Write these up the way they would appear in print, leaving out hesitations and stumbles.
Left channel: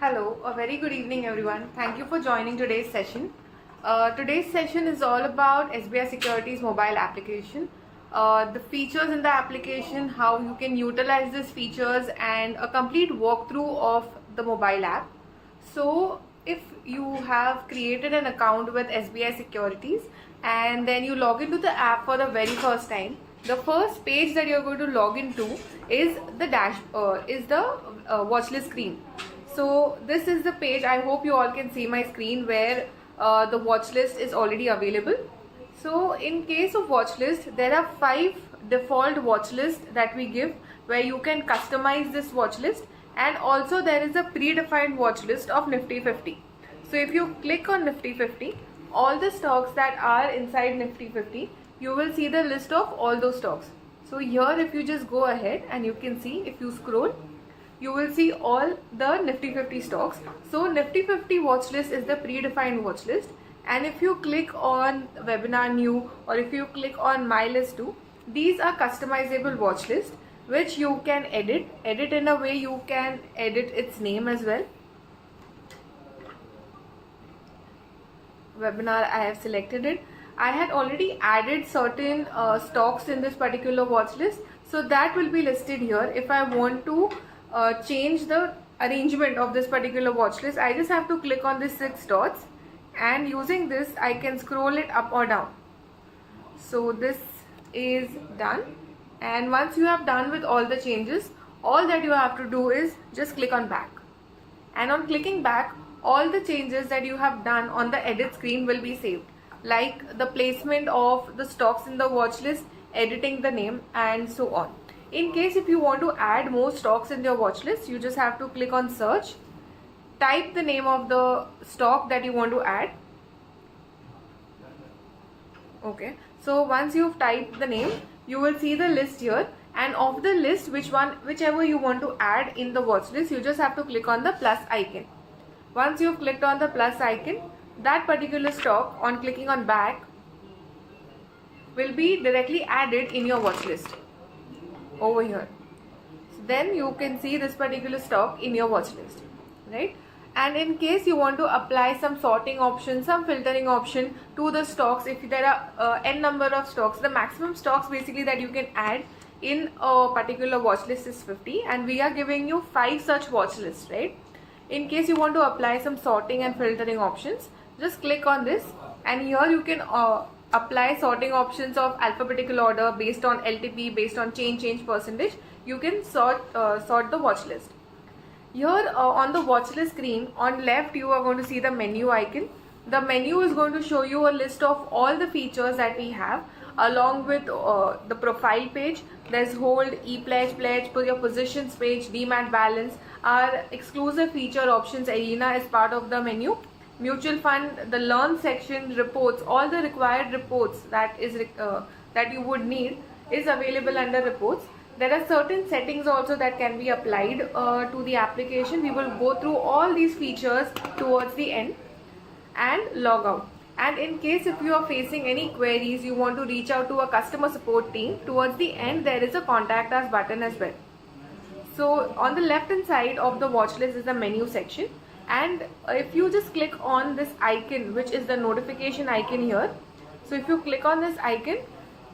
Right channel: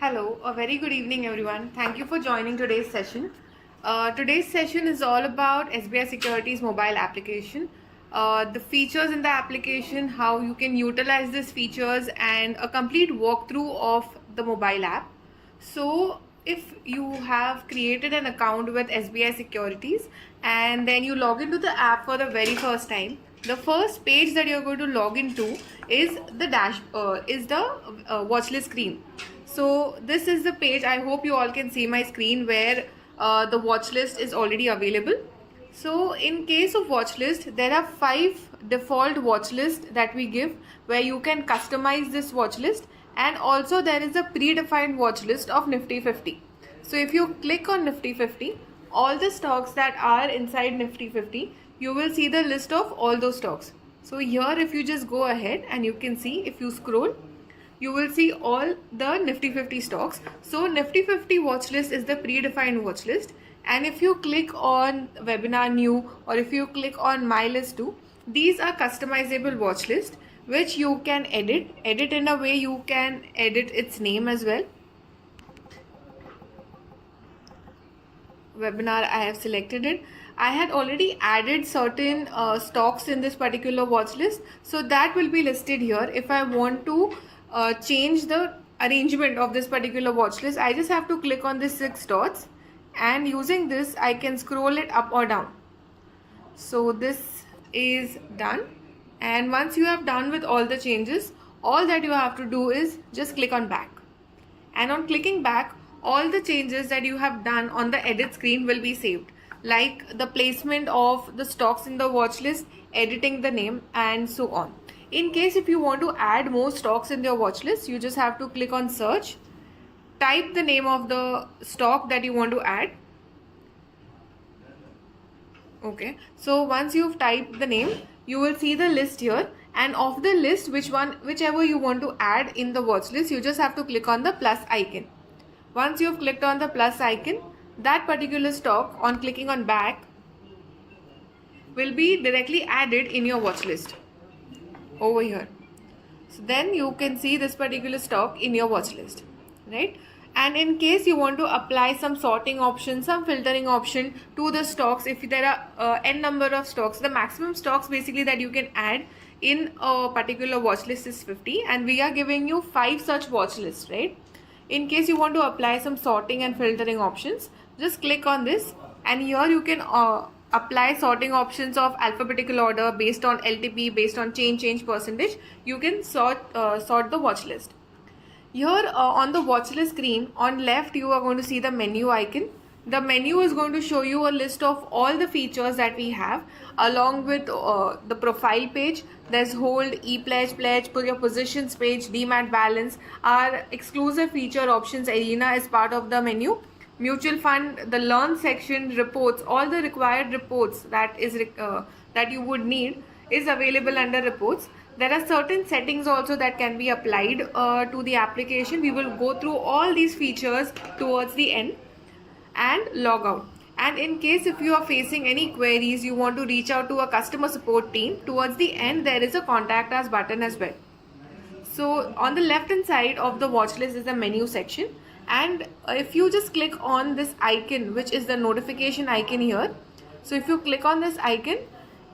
Hello, a very good evening, everyone. Thank you for joining today's session. Today's session is all about SBI Securities mobile application, the features in the application, how you can utilize these features, and a complete walkthrough of the mobile app. So, if you have created an account with SBI Securities and then you log into the app for the very first time, the first page that you're going to log into is the watchlist screen. So this is the page. I hope you all can see my screen where the watch list is already available. So in case of watch list, there are 5 default watch lists that we give where you can customize this watch list, and also there is a predefined watch list of Nifty 50. So if you click on Nifty 50, all the stocks that are inside Nifty 50, you will see the list of all those stocks. So here if you just go ahead and you can see, if you scroll, you will see all the Nifty 50 stocks. So Nifty 50 watch list is the predefined watch list, and if you click on webinar new or if you click on my list too, these are customizable watch list which you can edit in a way. You can edit its name as well. Webinar, I have selected it. I had already added certain stocks in this particular watch list, so that will be listed here. If I want to change the arrangement of this particular watch list, I just have to click on these 6 dots, and using this I can scroll it up or down. So this is done, and once you have done with all the changes, all that you have to do is just click on back, and on clicking back, all the changes that you have done on the edit screen will be saved, like the placement of the stocks in the watch list, editing the name, and so on. In case if you want to add more stocks in your watch list, you just have to click on search, type the name of the stock that you want to add. Okay, so once you've typed the name, you will see the list here, and of the list, whichever you want to add in the watch list, you just have to click on the plus icon. Once you've clicked on the plus icon, that particular stock, on clicking on back, will be directly added in your watch list over here. So then you can see this particular stock in your watch list, right? And in case you want to apply some sorting option, some filtering option to the stocks, if there are n number of stocks, the maximum stocks basically that you can add in a particular watch list is 50, and we are giving you 5 such watch lists, right? In case you want to apply some sorting and filtering options, just click on this, and here you can apply sorting options of alphabetical order based on LTP, based on change percentage. You can sort the watch list. Here on the watch list screen, on left you are going to see the menu icon. The menu is going to show you a list of all the features that we have, along with the profile page. There's hold, e-pledge, pledge, your positions page, demat balance. Our exclusive feature options arena is part of the menu. Mutual fund, the learn section, reports, all the required reports that you would need is available under reports. There are certain settings also that can be applied to the application. We will go through all these features towards the end, and log out. And in case if you are facing any queries, you want to reach out to a customer support team, towards the end there is a contact us button as well. So on the left hand side of the watch list is the menu section, and if you just click on this icon, which is the notification icon here, so if you click on this icon,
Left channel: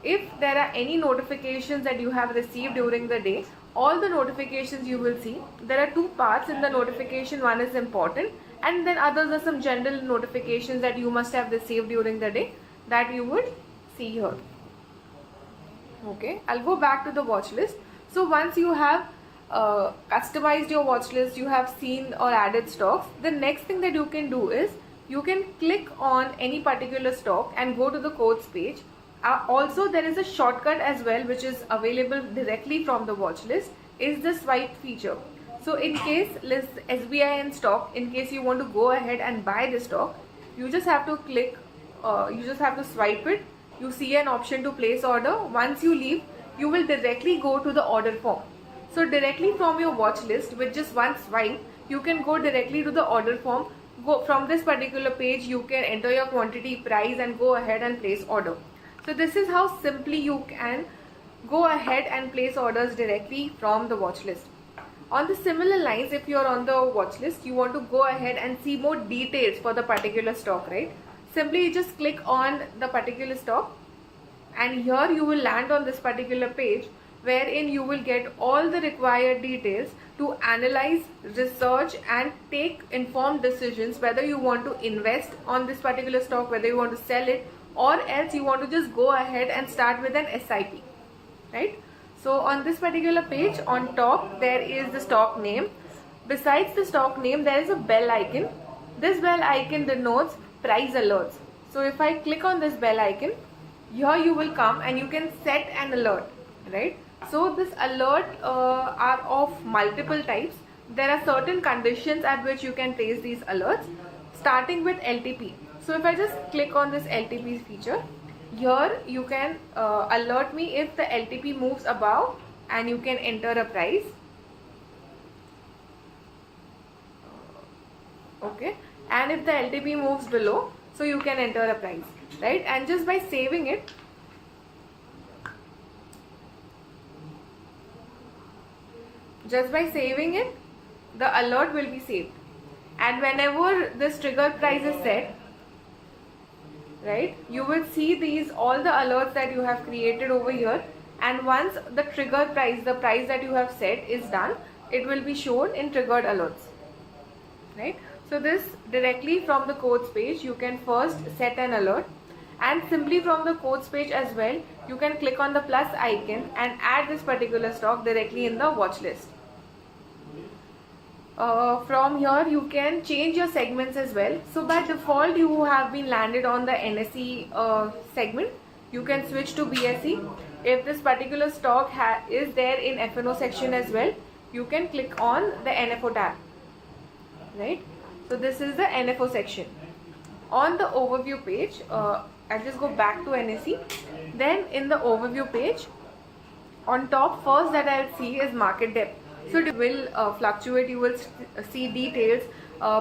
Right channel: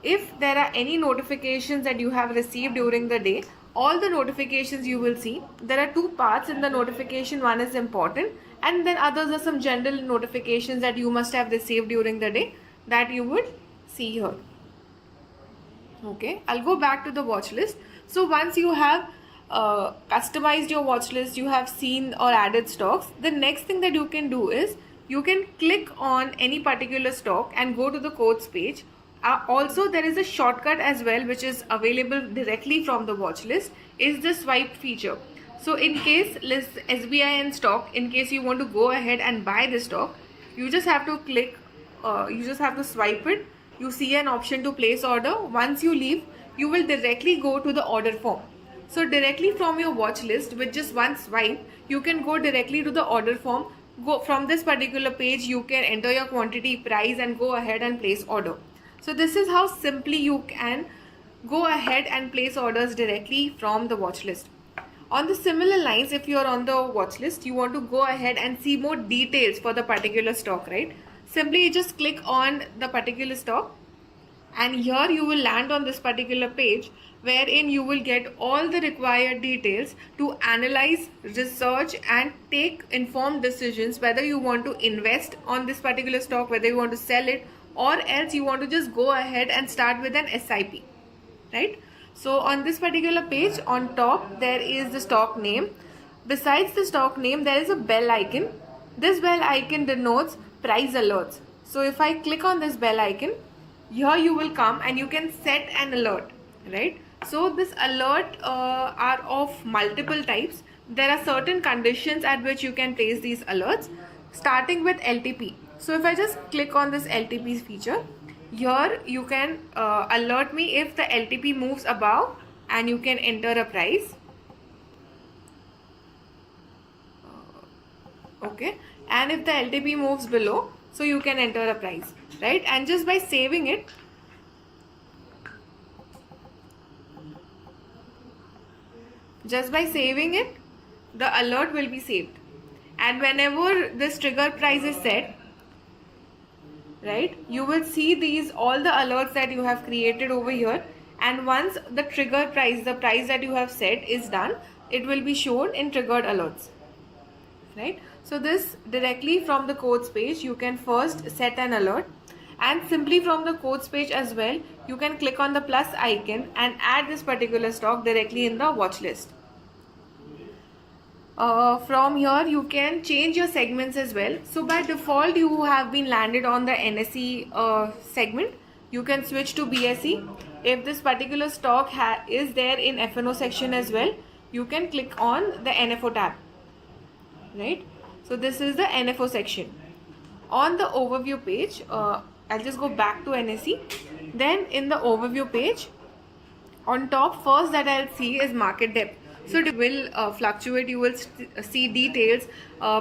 if there are any notifications that you have received during the day, all the notifications you will see. There are 2 parts in the notification. One is important, and then others are some general notifications that you must have received during the day that you would see here. Okay, I'll go back to the watch list. So once you have customized your watch list, you have seen or added stocks, the next thing that you can do is you can click on any particular stock and go to the quotes page. Also there is a shortcut as well which is available directly from the watch list, is the swipe feature. So in case list SBI in stock, in case you want to go ahead and buy the stock, you just have to click, you just have to swipe it. You see an option to place order. Once you leave, you will directly go to the order form. So directly from your watch list, with just one swipe, you can go directly to the order form. Go from this particular page, you can enter your quantity, price, and go ahead and place order. So this is how simply you can go ahead and place orders directly from the watch list. On the similar lines, if you're on the watch list, you want to go ahead and see more details for the particular stock, right? Simply just click on the particular stock, and here you will land on this particular page wherein you will get all the required details to analyze, research and take informed decisions whether you want to invest on this particular stock, whether you want to sell it, or else you want to just go ahead and start with an SIP, right? So on this particular page, on top there is the stock name. Besides the stock name, there is a bell icon. This bell icon denotes price alerts. So if I click on this bell icon, here you will come and you can set an alert, right? So this alert are of multiple types. There are certain conditions at which you can place these alerts, starting with LTP. So if I just click on this LTP feature, here you can alert me if the LTP moves above, and you can enter a price. Okay, and if the LTP moves below, so you can enter a price, right? And just by saving it, the alert will be saved, and whenever this trigger price is set, right, you will see all the alerts that you have created over here, and once the trigger price, the price that you have set is done, it will be shown in triggered alerts, right? So this directly from the quotes page, you can first set an alert, and simply from the quotes page as well, you can click on the plus icon and add this particular stock directly in the watch list. From here you can change your segments as well. So by default you have been landed on the NSE segment. You can switch to BSE. If this particular stock is there in FNO section as well, you can click on the NFO tab, right? So this is the NFO section. On the overview page, I'll just go back to NSE. Then in the overview page, on top first that I'll see is market depth. So it will fluctuate. You will see details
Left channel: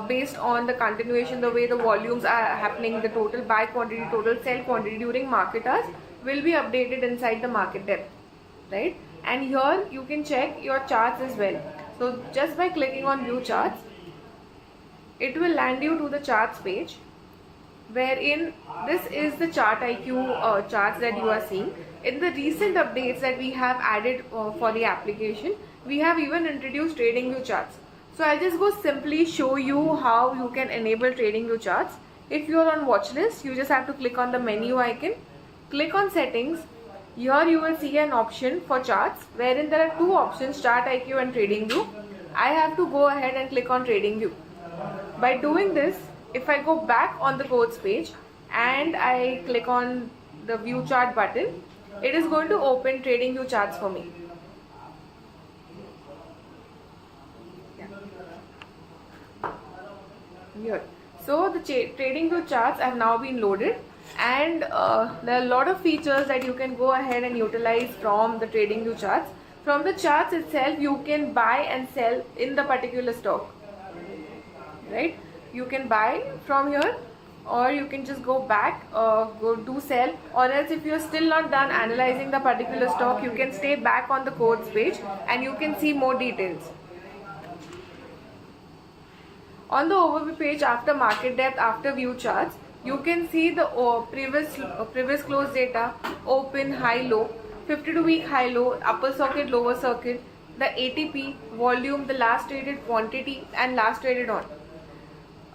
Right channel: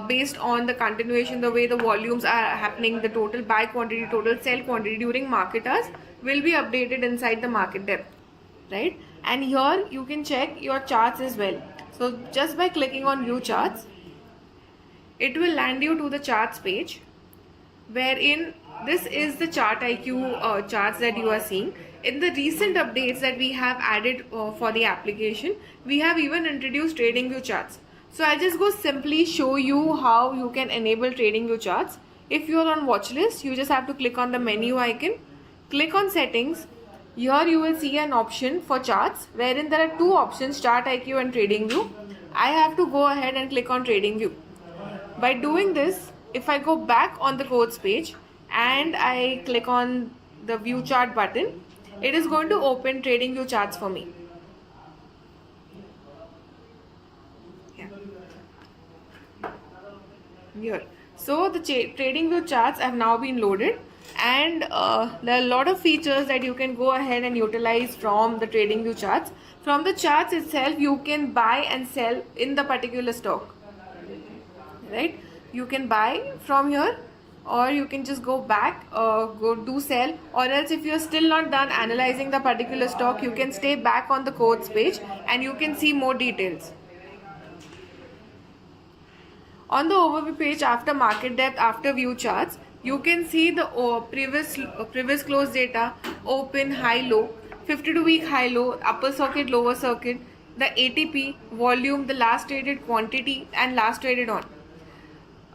based on the continuation, the way the volumes are happening, the total buy quantity, total sell quantity during market hours will be updated inside the market depth, right? And here you can check your charts as well. So just by clicking on view charts, it will land you to the charts page, wherein this is the chart IQ charts that you are seeing. In the recent updates that we have added for the application, we have even introduced trading view charts. So I'll just go simply show you how you can enable trading view charts. If you are on watch list, you just have to click on the menu icon, click on settings. Here you will see an option for charts, wherein there are two options, chart IQ and trading view. I have to go ahead and click on trading view. By doing this, if I go back on the quotes page and I click on the view chart button, it is going to open trading view charts for me. Here. So the trading view charts have now been loaded, and there are a lot of features that you can go ahead and utilize from the trading view charts. From the charts itself, you can buy and sell in the particular stock, right? You can buy from here, or you can just go back, go do sell, or else if you're still not done analyzing the particular stock, you can stay back on the quotes page and you can see more details. On the overview page, after market depth, after view charts, you can see the previous close data, open, high, low, 52-week high, low, upper circuit, lower circuit, the ATP, volume, the last traded quantity, and last traded on.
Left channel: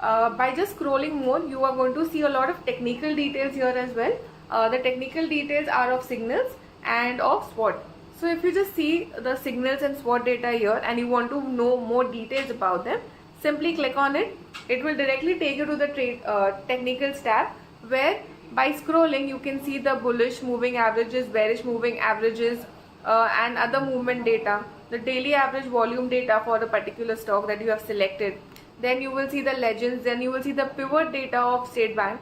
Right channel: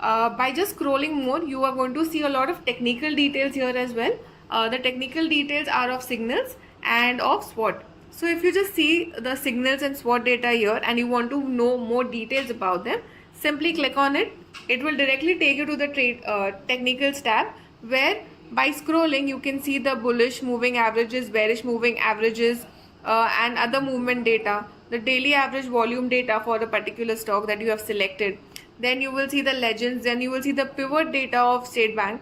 By just scrolling more, you are going to see a lot of technical details here as well. The technical details are of signals and of SWOT. So if you just see the signals and SWOT data here and you want to know more details about them, simply click on it. It will directly take you to the technicals tab, where by scrolling you can see the bullish moving averages, bearish moving averages, and other movement data, the daily average volume data for a particular stock that you have selected. Then you will see the legends, then you will see the pivot data of State Bank.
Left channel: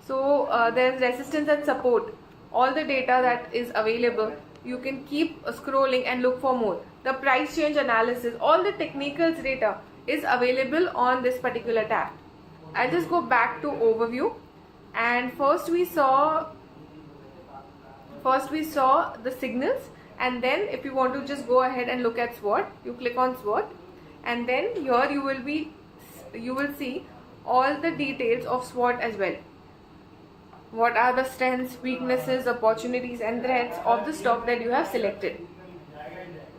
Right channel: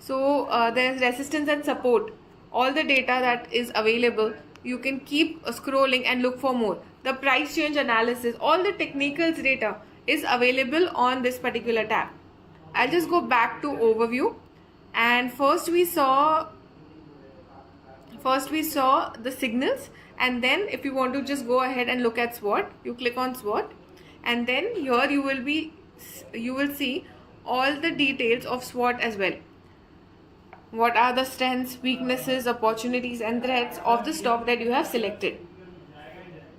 So there is resistance and support, all the data that is available. You can keep scrolling and look for more. The price change analysis, all the technicals data is available on this particular tab. I'll just go back to overview, and first we saw the signals. and then if you want to just go ahead and look at SWOT, you click on SWOT, and then here you will see all the details of SWOT as well. What are the strengths, weaknesses, opportunities and threats of the stock that you have selected,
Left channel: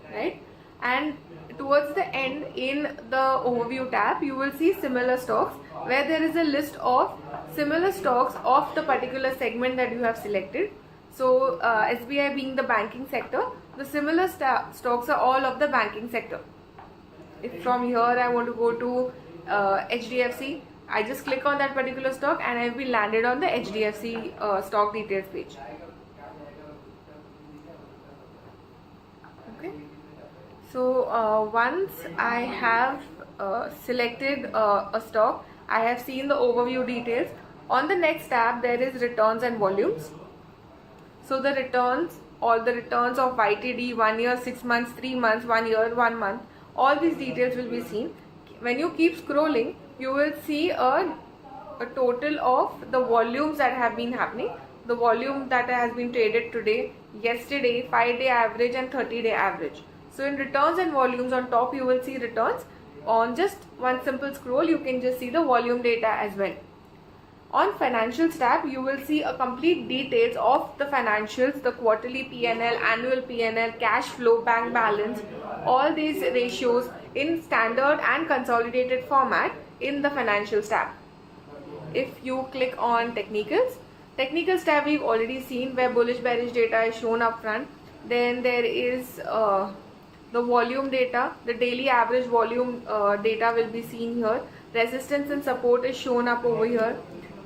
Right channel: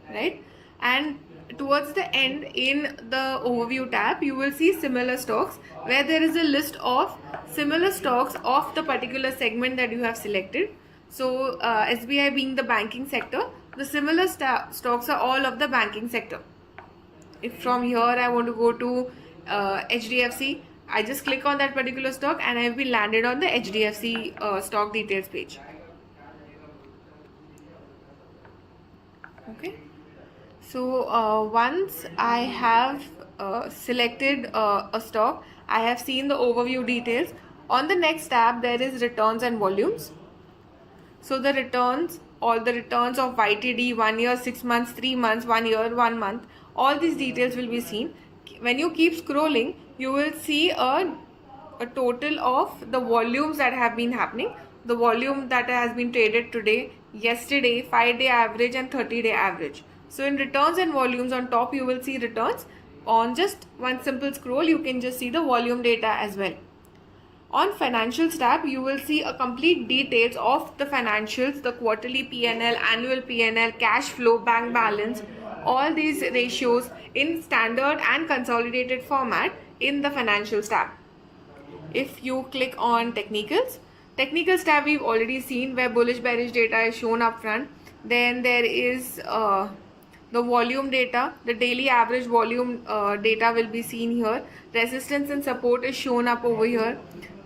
right? And towards the end, in the overview tab, you will see similar stocks, where there is a list of similar stocks of the particular segment that you have selected. So SBI being the banking sector, the similar stocks are all of the banking sector. If from here I want to go to HDFC, I just click on that particular stock and I've been landed on the HDFC stock details page. Okay. So once I have selected a stock, I have seen the overview details. On the next tab, there is returns and volumes. So the returns, all the returns of YTD, 1 year, 6 months, 3 months, 1 year, 1 month, all these details will be seen. When you keep scrolling, you will see a total of the volumes that have been happening. The volume that has been traded today, yesterday, 5-day average and 30-day average. So in returns and volumes, on top you will see returns. On just one simple scroll, you can just see the volume data as well. On financials tab, you will see a complete details of the financials, the quarterly P&L, annual P&L, cash flow, bank balance, all these ratios in standard and consolidated format in the financials tab. If you click on technicals tab, we've already seen where bullish bearish data is shown up front. Then there is the volume data, the daily average volume data will be seen here. Resistance and support is shown up over here.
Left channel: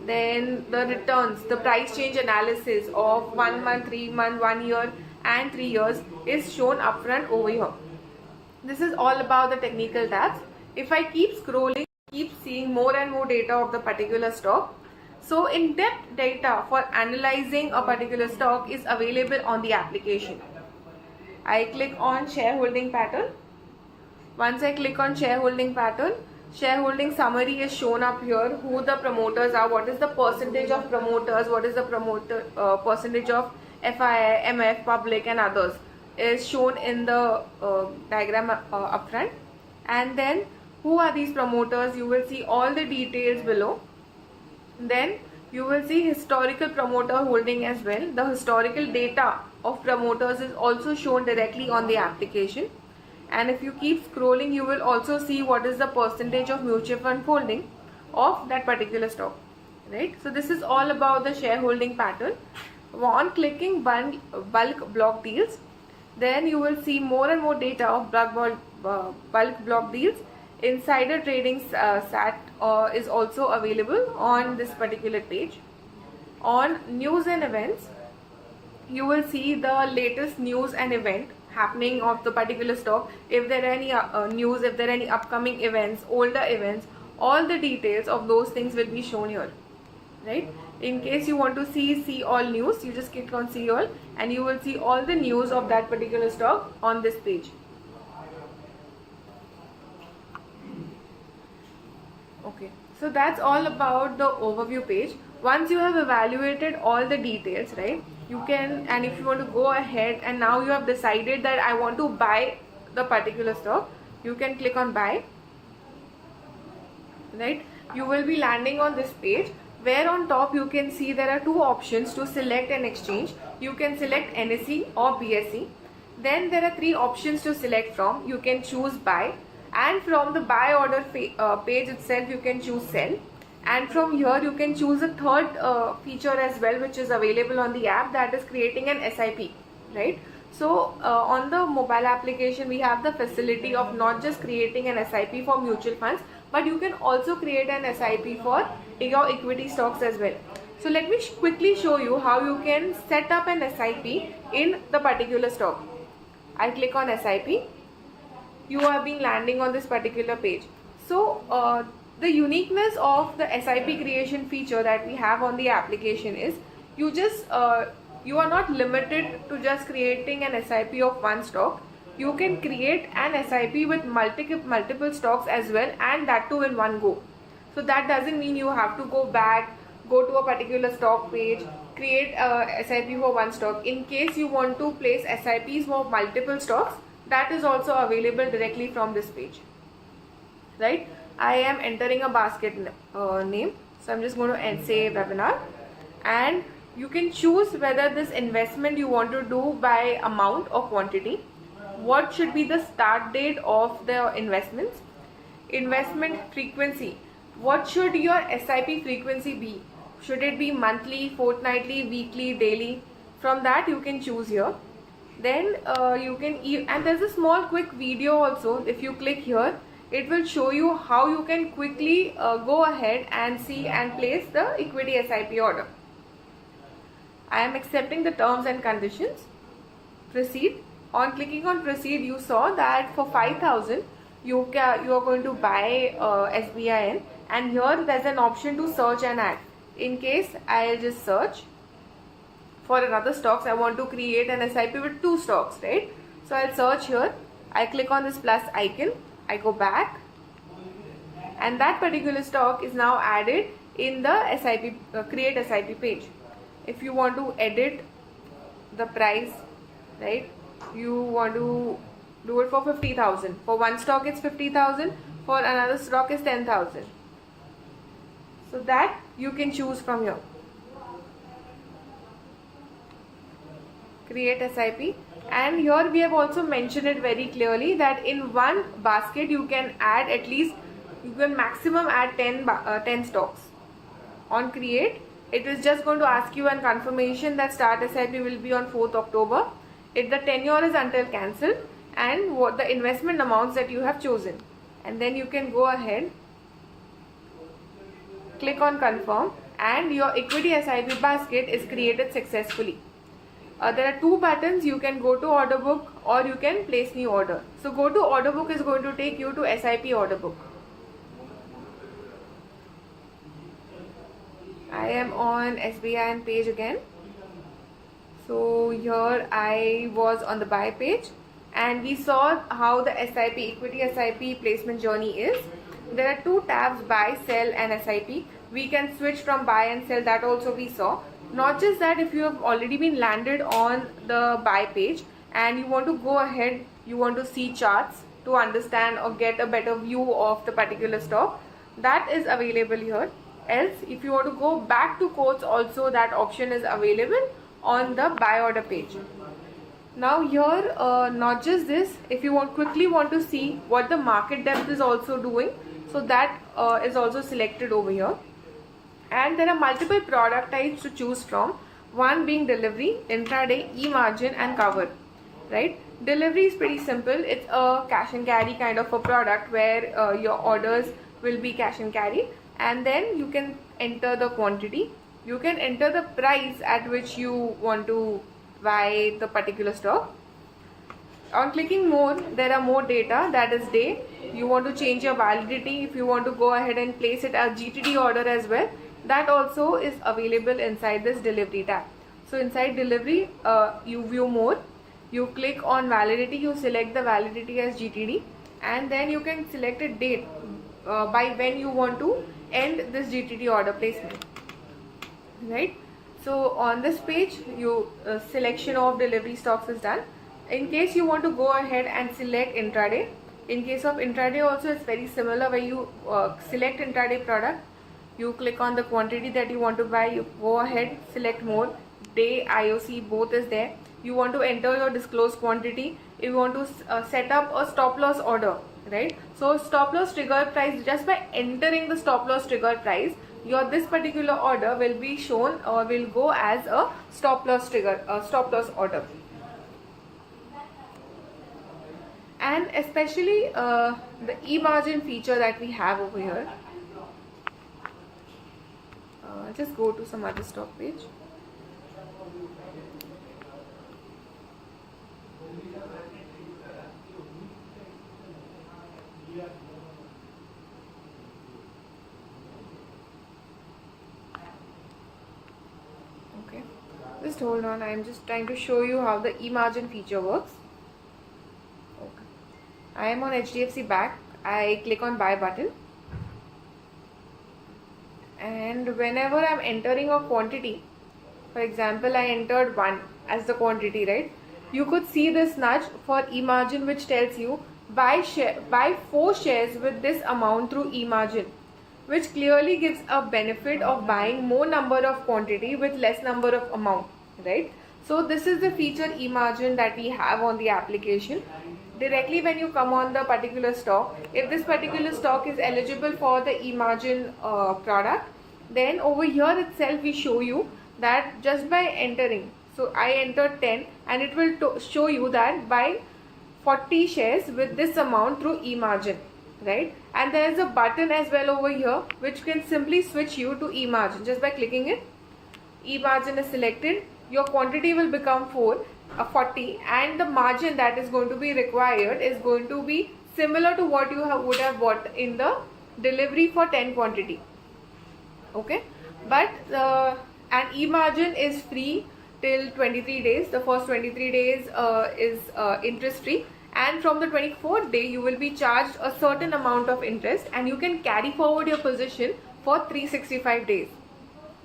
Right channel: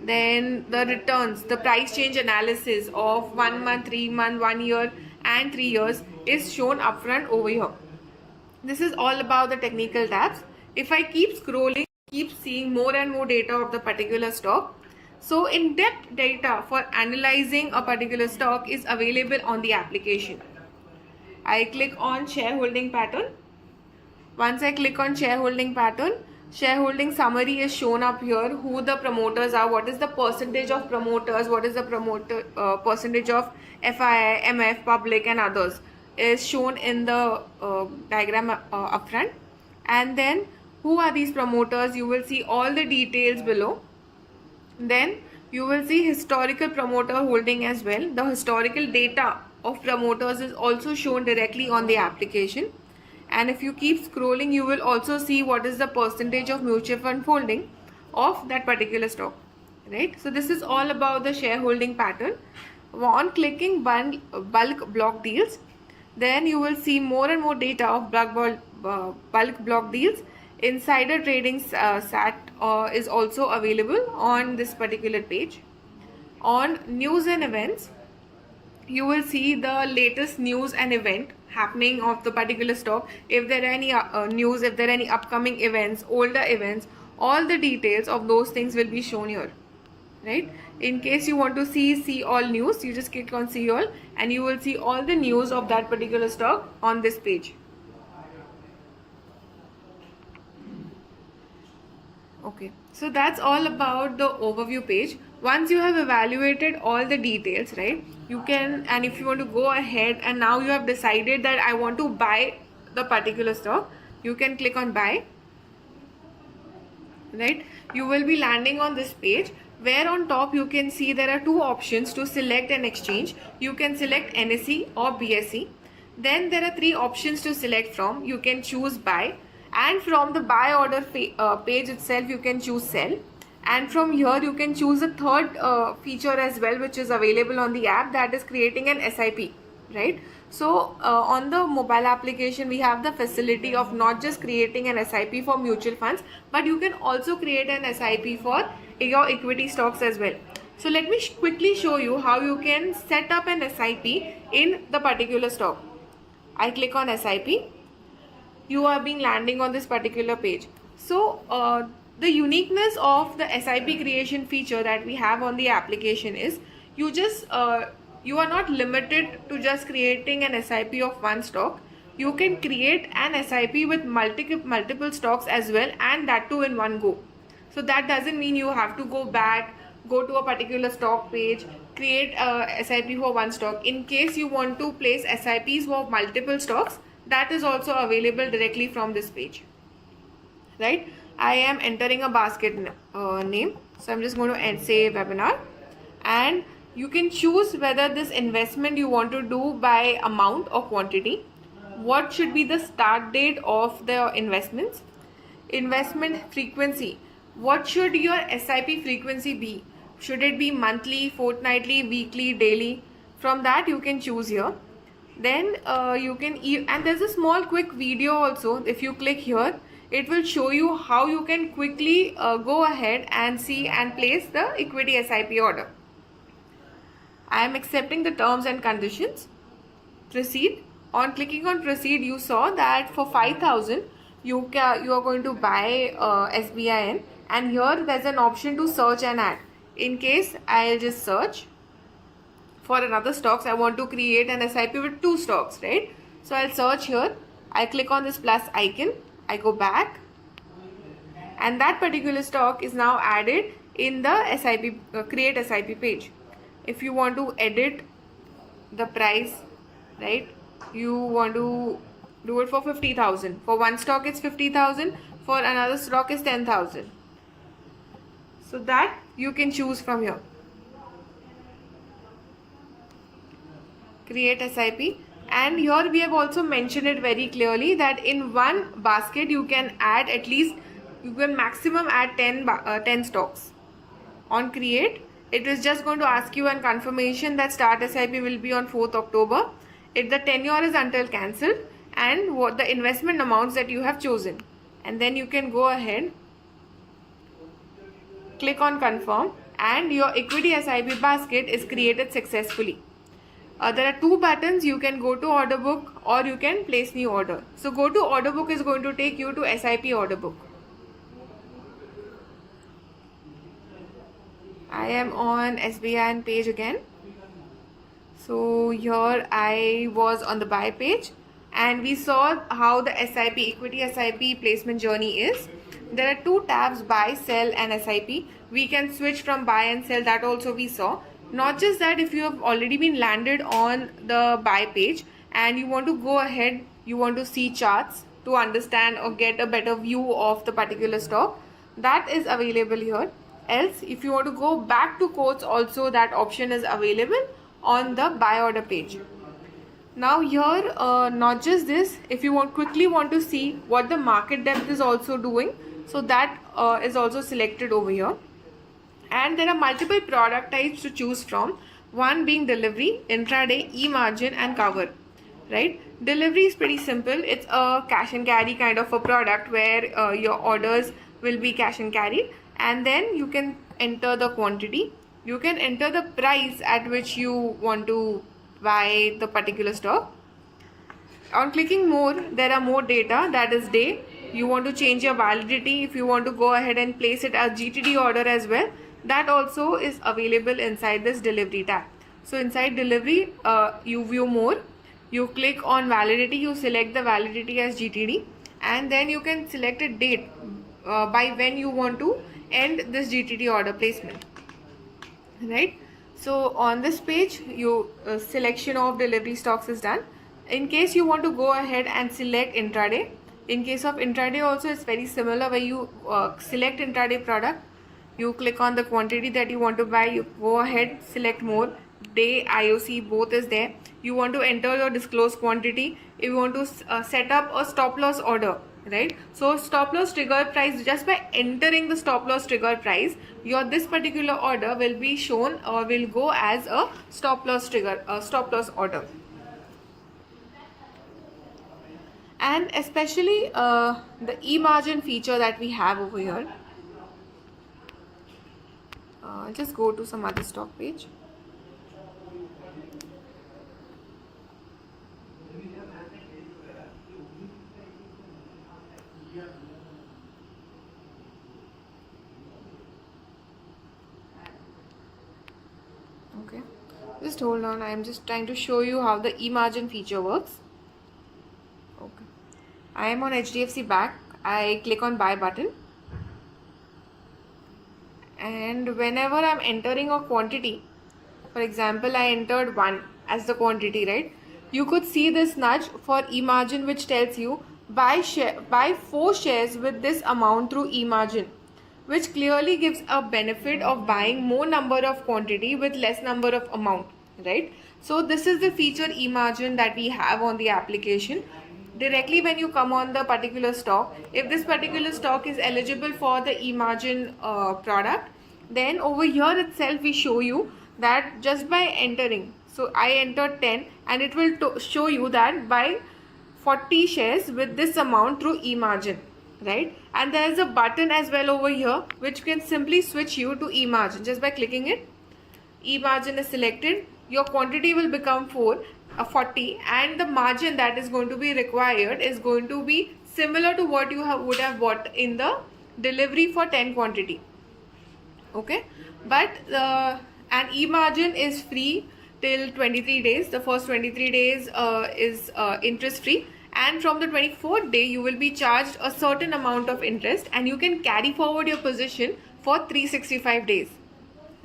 Then the returns, the price change analysis of 1 month, 3 month, 1 year and 3 years is shown upfront over here. This is all about the technical tabs. If I keep scrolling, keep seeing more and more data of the particular stock. So in-depth data for analyzing a particular stock is available on the application. I click on shareholding pattern. Once I click on shareholding pattern, shareholding summary is shown up here, who the promoters are, what is the percentage of promoters, what is the promoter percentage of FII, MF, public and others is shown in the diagram upfront. And then who are these promoters, you will see all the details below. Then you will see historical promoter holding as well. The historical data of promoters is also shown directly on the application. And if you keep scrolling, you will also see what is the percentage of mutual fund holding of that particular stock, right? So this is all about the shareholding pattern. On clicking bulk block deals, then you will see more and more data of bulk block deals. Insider trading SAT is also available on this particular page. On news and events, you will see the latest news and event happening of the particular stock. If there are any news, if there are any upcoming events, older events, all the details of those things will be shown here, right? In case you want to see all news, you just click on see all and you will see all the news of that particular stock on this page. Okay, so that's all about the overview page. Once you have evaluated all the details, right, you can, and if you want to go ahead and now you have decided that I want to buy the particular stock, you can click on buy, right? You will be landing on this page where on top you can see there are two options to select an exchange. You can select NSE or BSE. Then there are three options to select from. You can choose buy, and from the buy order page itself you can choose sell, and from here you can choose a third feature as well, which is available on the app, that is creating an SIP, right? So on the mobile application we have the facility of not just creating an SIP for mutual funds, but you can also create an SIP for your equity stocks as well. So let me quickly show you how you can set up an SIP in the particular stock. I click on SIP. You are being landing on this particular page. So the uniqueness of the SIP creation feature that we have on the application is you are not limited to just creating an SIP of one stock. You can create an SIP with multiple stocks as well, and that too in one go. So that doesn't mean you have to go to a particular stock page, create a SIP for one stock. In case you want to place SIPs for multiple stocks, that is also available directly from this page, right? I am entering a basket name, so I'm just going to say webinar, and you can choose whether this investment you want to do by amount or quantity, what should be the start date of the investments, investment frequency, what should your SIP frequency be, should it be monthly, fortnightly, weekly, daily. From that you can choose here. Then you can, and there's a small quick video also. If you click here, it will show you how you can quickly go ahead and see and place the equity SIP order. I am accepting the terms and conditions. Proceed. On clicking on proceed, you saw that for 5,000 you are going to buy SBIN, and here there's an option to search and add. In case I'll just search for another stocks, I want to create an SIP with 2 stocks, right? So I'll search here, I click on this plus icon, I go back, and that particular stock is now added in the SIP create SIP page. If you want to edit the price, right, you want to do it for 50,000. For one stock it's 50,000, for another stock is 10,000. So that you can choose from here. Create SIP, and here we have also mentioned it very clearly that in one basket you can add at least, you can maximum add 10 stocks. On create, it is just going to ask you a confirmation that start SIP will be on 4th October. If the tenure is until cancelled, and what the investment amounts that you have chosen, and then you can go ahead, click on confirm, and your equity SIP basket is created successfully. There are 2 buttons. You can go to order book or you can place new order. So go to order book is going to take you to SIP order book. I am on SBI page again. So here I was on the buy page, and we saw how the SIP equity SIP placement journey is. There are 2 tabs, buy, sell and SIP. We can switch from buy and sell, that also we saw. Not just that, if you have already been landed on the buy page and you want to go ahead, you want to see charts to understand or get a better view of the particular stock, that is available here. Else, if you want to go back to quotes also, that option is available on the buy order page. Now here, not just this, if you quickly want to see what the market depth is also doing, so that is also selected over here. And there are multiple product types to choose from, one being delivery, intraday, e-margin and cover, right? Delivery is pretty simple. It's a cash and carry kind of a product where your orders will be cash and carry, and then you can enter the quantity, you can enter the price at which you want to buy the particular stock. On clicking more, there are more data, that is day. You want to change your validity, if you want to go ahead and place it as GTD order as well, that also is available inside this delivery tab. So inside delivery, you view more, you click on validity, you select the validity as GTD, and then you can select a date by when you want to end this GTD order placement, right? So on this page, you selection of delivery stocks is done. In case you want to go ahead and select intraday, in case of intraday also it's very similar, where you select intraday product, you click on the quantity that you want to buy, you go ahead, select more, day, IOC both is there. You want to enter your disclosed quantity, if you want to set up a stop loss order, right? So stop loss trigger price, just by entering the stop loss trigger price, your this particular order will be shown or will go as a stop loss trigger, stop loss order. And especially the e-margin feature that we have over here. Just go to some other stock page. Okay, just hold on, I am just trying to show you how the e-margin feature works. Okay, I am on HDFC Bank. I click on buy button, and whenever I'm entering a quantity, For example, I entered 1 as the quantity, right? You could see this nudge for e-margin which tells you buy 4 shares with this amount through e-margin, which clearly gives a benefit of buying more number of quantity with less number of amount, right? So this is the feature e-margin that we have on the application. Directly when you come on the particular stock, if this particular stock is eligible for the e-margin product, then over here itself we show you that just by entering, so I entered 10 and it will show you that buy 40 shares with this amount through e-margin, right? And there is a button as well over here which can simply switch you to e-margin. Just by clicking it, e-margin is selected, your quantity will become 40, and the margin that is going to be required is going to be similar to what you would have bought in the delivery for 10 quantity. Okay, but an e-margin is free till 23 days. The first 23 days is interest free, and from the 24th day you will be charged a certain amount of interest, and you can carry forward your position for 365 days,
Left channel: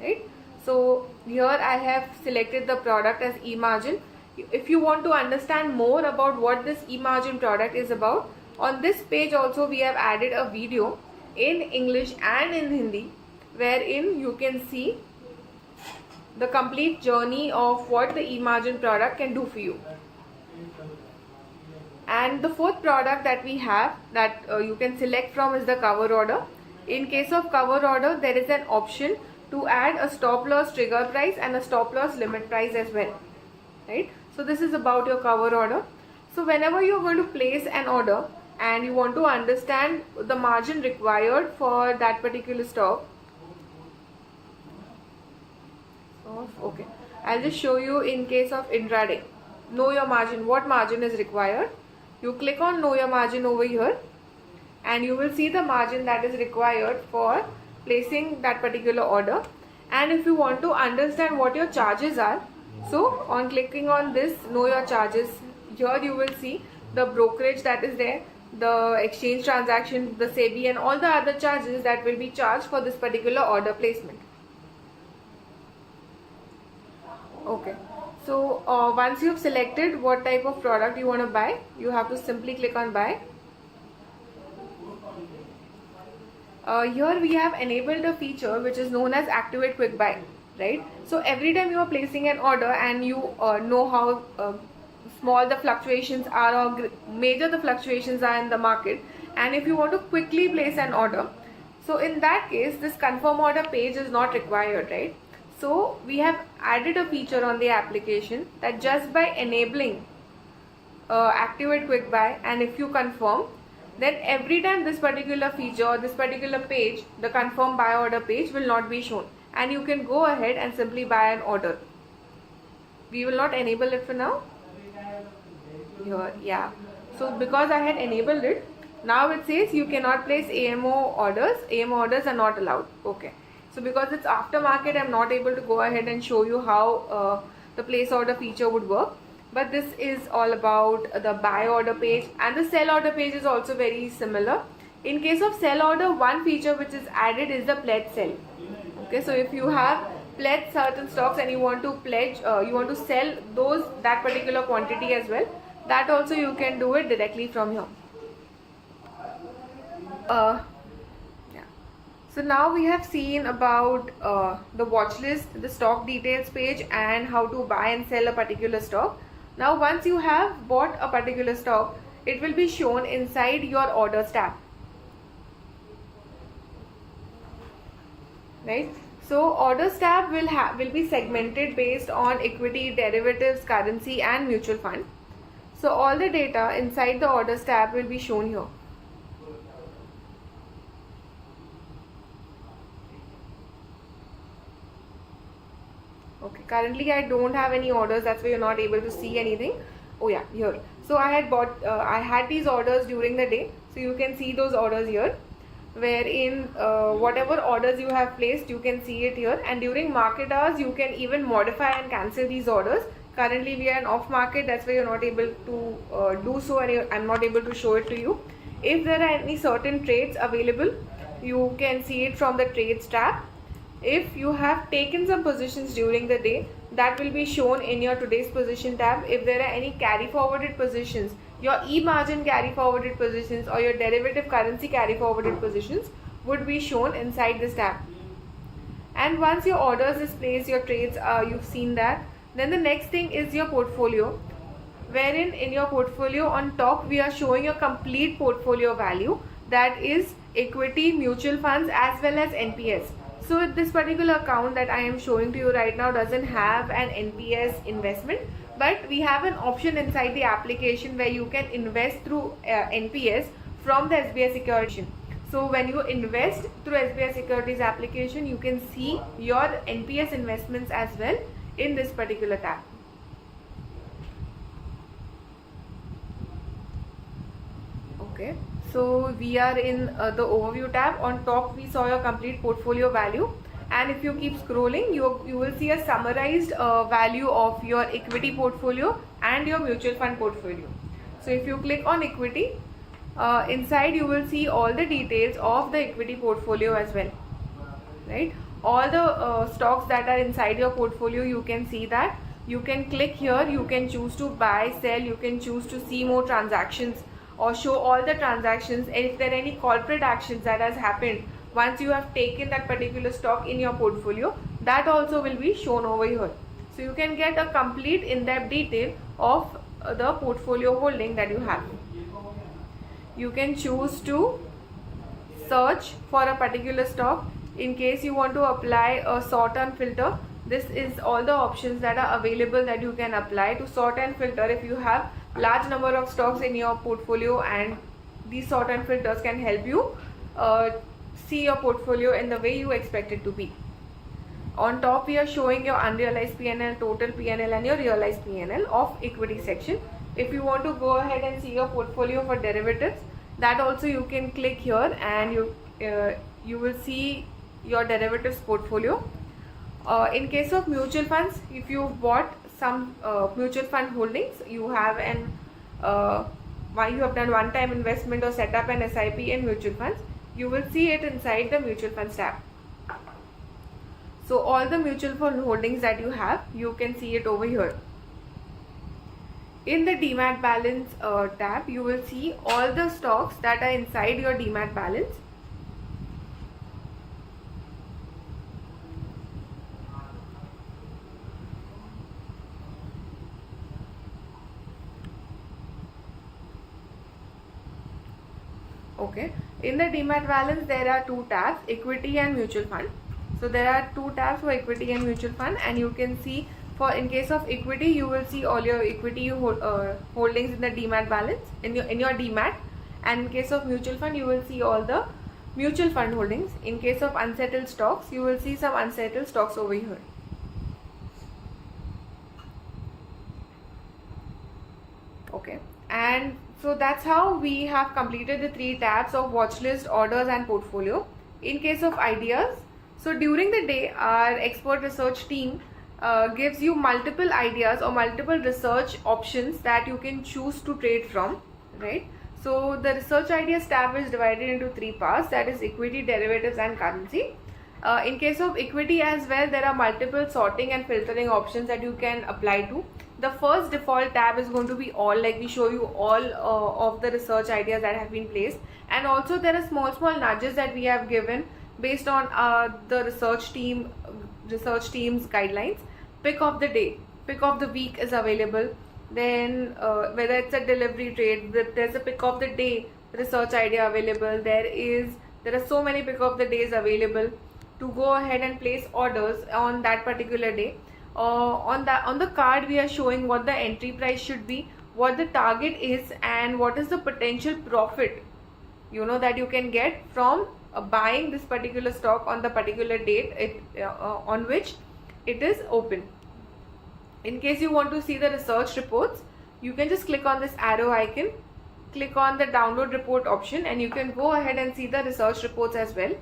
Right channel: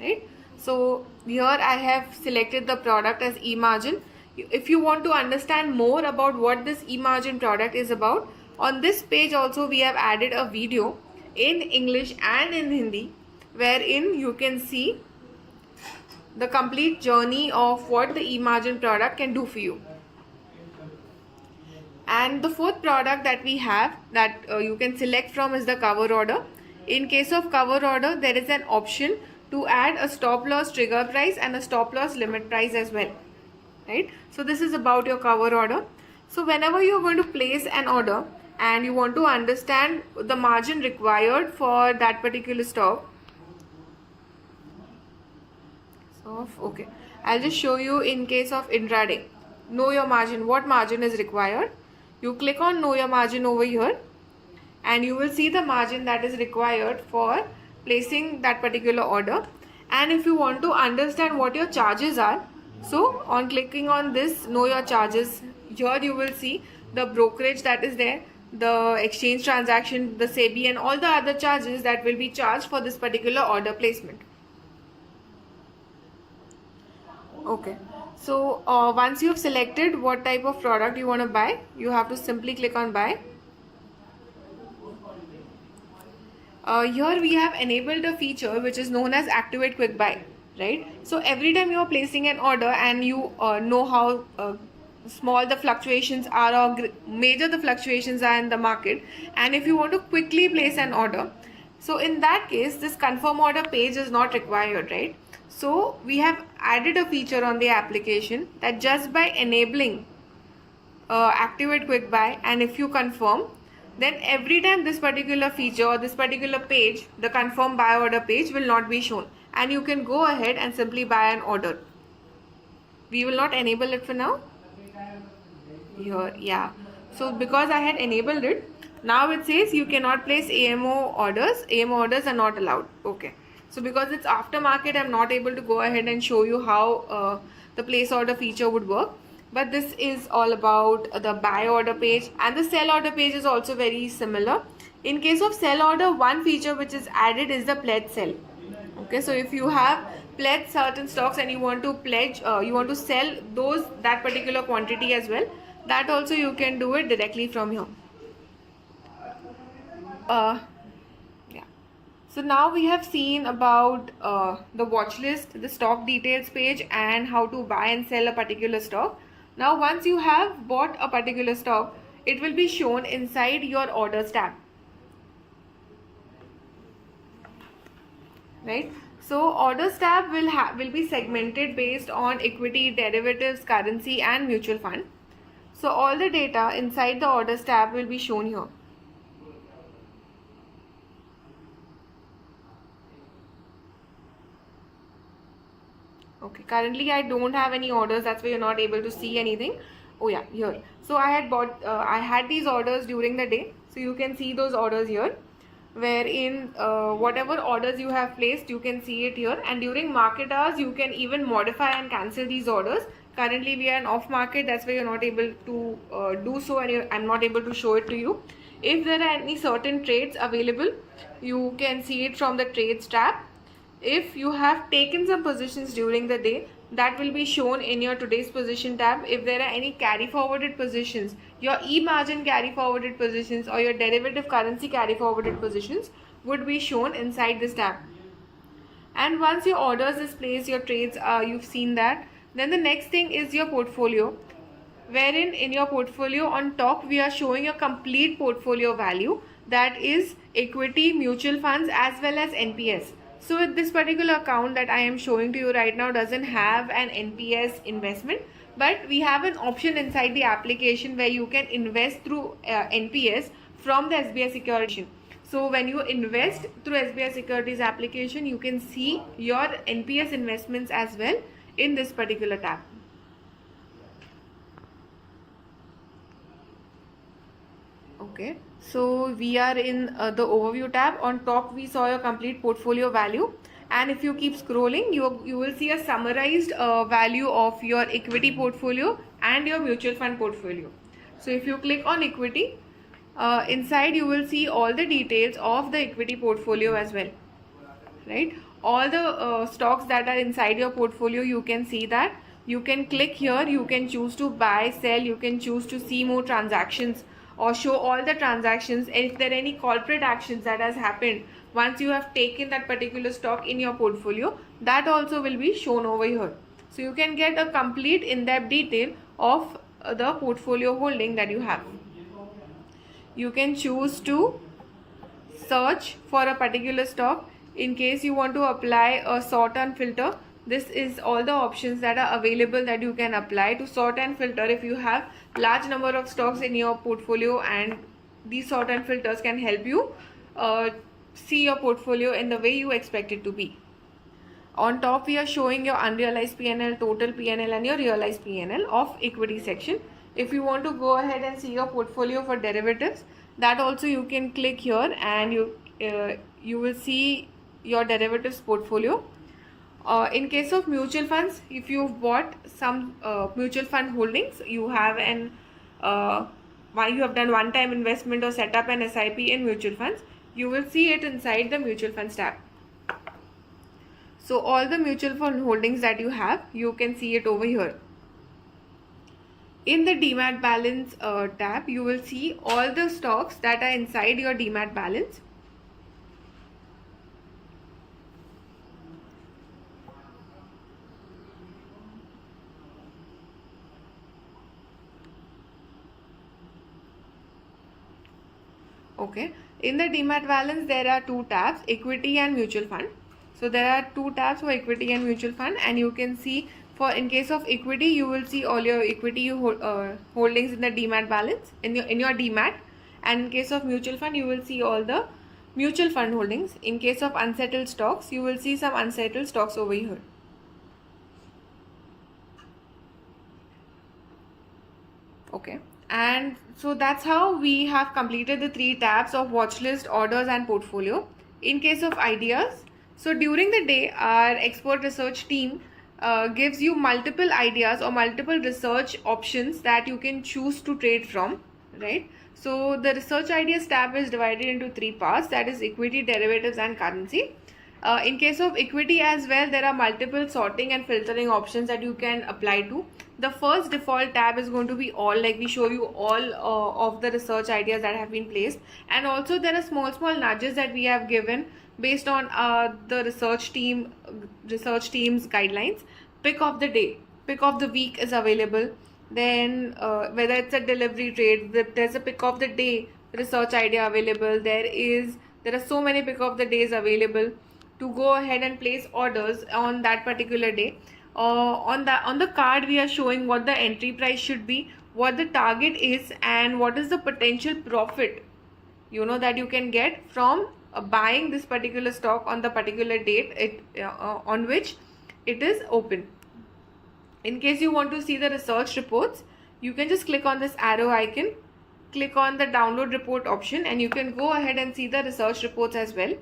right? So here I have selected the product as e-margin. If you want to understand more about what this e-margin product is about, on this page also we have added a video in English and in Hindi, wherein you can see the complete journey of what the e-margin product can do for you. And the fourth product that we have that you can select from is the cover order. In case of cover order, there is an option to add a stop loss trigger price and a stop loss limit price as well, right? So this is about your cover order. So whenever you're going to place an order and you want to understand the margin required for that particular stock, so okay, I'll just show you in case of intraday. Know your margin, what margin is required. You click on know your margin over here and you will see the margin that is required for placing that particular order. And if you want to understand what your charges are, so on clicking on this know your charges, here you will see the brokerage that is there, the exchange transaction, the SEBI, and all the other charges that will be charged for this particular order placement. Okay, so once you've selected what type of product you want to buy, you have to simply click on buy. Here we have enabled a feature which is known as activate quick buy, right? So every time you are placing an order and you know how small the fluctuations are or major the fluctuations are in the market, and if you want to quickly place an order, so in that case this confirm order page is not required, right? So we have added a feature on the application that just by enabling activate quick buy, and if you confirm, then every time this particular feature or this particular page, the confirm buy order page, will not be shown, and you can go ahead and simply buy an order. We will not enable it for now. Here, yeah. So because I had enabled it, now it says you cannot place AMO orders. AMO orders are not allowed. Okay. So because it's aftermarket, I'm not able to go ahead and show you how the place order feature would work. But this is all about the buy order page, and the sell order page is also very similar. In case of sell order, one feature which is added is the pledge sell. Okay, so if you have pledged certain stocks and you want to pledge, you want to sell that particular quantity as well, that also you can do it directly from here. So now we have seen about the watch list, the stock details page, and how to buy and sell a particular stock. Now once you have bought a particular stock, it will be shown inside your orders tab, right? So orders tab will be segmented based on equity, derivatives, currency, and mutual fund. So all the data inside the orders tab will be shown here. Okay, currently I don't have any orders, that's why you're not able to see anything. Oh yeah, here. So I had these orders during the day, so you can see those orders here, wherein whatever orders you have placed, you can see it here. And during market hours, you can even modify and cancel these orders. Currently we are in off market, that's why you're not able to do so, and I'm not able to show it to you. If there are any certain trades available, you can see it from the trades tab. If you have taken some positions during the day, that will be shown in your today's position tab. If there are any carry forwarded positions, your e-margin carry forwarded positions or your derivative currency carry forwarded positions would be shown inside this tab. And once your orders is placed, your trades, you've seen that. Then the next thing is your portfolio, wherein in your portfolio on top we are showing your complete portfolio value, that is equity, mutual funds as well as NPS. So with this particular account that I am showing to you right now doesn't have an NPS investment, but we have an option inside the application where you can invest through NPS from the SBI Securities. So when you invest through SBI Securities application, you can see your NPS investments as well in this particular tab. Okay, so we are in the overview tab. On top we saw your complete portfolio value, and if you keep scrolling, you will see a summarized value of your equity portfolio and your mutual fund portfolio. So if you click on equity, inside you will see all the details of the equity portfolio as well, right? All the stocks that are inside your portfolio, you can see that. You can click here, you can choose to buy, sell, you can choose to see more transactions or show all the transactions. And if there are any corporate actions that has happened once you have taken that particular stock in your portfolio, that also will be shown over here. So you can get a complete in-depth detail of the portfolio holding that you have. You can choose to search for a particular stock. In case you want to apply a sort and filter, this is all the options that are available that you can apply to sort and filter if you have large number of stocks in your portfolio, and these sort and filters can help you see your portfolio in the way you expect it to be. On top we are showing your unrealized PNL, total PNL and your realized PNL of equity section. If you want to go ahead and see your portfolio for derivatives, that also you can click here and you will see your derivatives portfolio. In case of mutual funds, if you've bought some mutual fund holdings, you have you have done one-time investment or set up an SIP in mutual funds, you will see it inside the mutual funds tab. So all the mutual fund holdings that you have, you can see it over here. In the demat balance tab, you will see all the stocks that are inside your demat balance. Okay, in the demat balance there are two tabs, equity and mutual fund. So there are two tabs for equity and mutual fund, and you can see for in case of equity you will see all your equity holdings in the demat balance in your demat, and in case of mutual fund you will see all the mutual fund holdings. In case of unsettled stocks, you will see some unsettled stocks over here. Okay, and so that's how we have completed the three tabs of watchlist, orders and portfolio. In case of ideas, so during the day our expert research team gives you multiple ideas or multiple research options that you can choose to trade from, right? So the research ideas tab is divided into three parts, that is equity, derivatives and currency. In case of equity as well, there are multiple sorting and filtering options that you can apply to. The first default tab is going to be all, like we show you all of the research ideas that have been placed, and also there are small nudges that we have given based on the research team's guidelines. Pick of the day, pick of the week is available. Then whether it's a delivery trade, there's a pick of the day research idea available. There are so many pick of the days available to go ahead and place orders on that particular day. On the card we are showing what the entry price should be, what the target is, and what is the potential profit that you can get from buying this particular stock on the particular date on which it is open. In case you want to see the research reports, you can just click on this arrow icon, click on the download report option, and you can go ahead and see the research reports as well.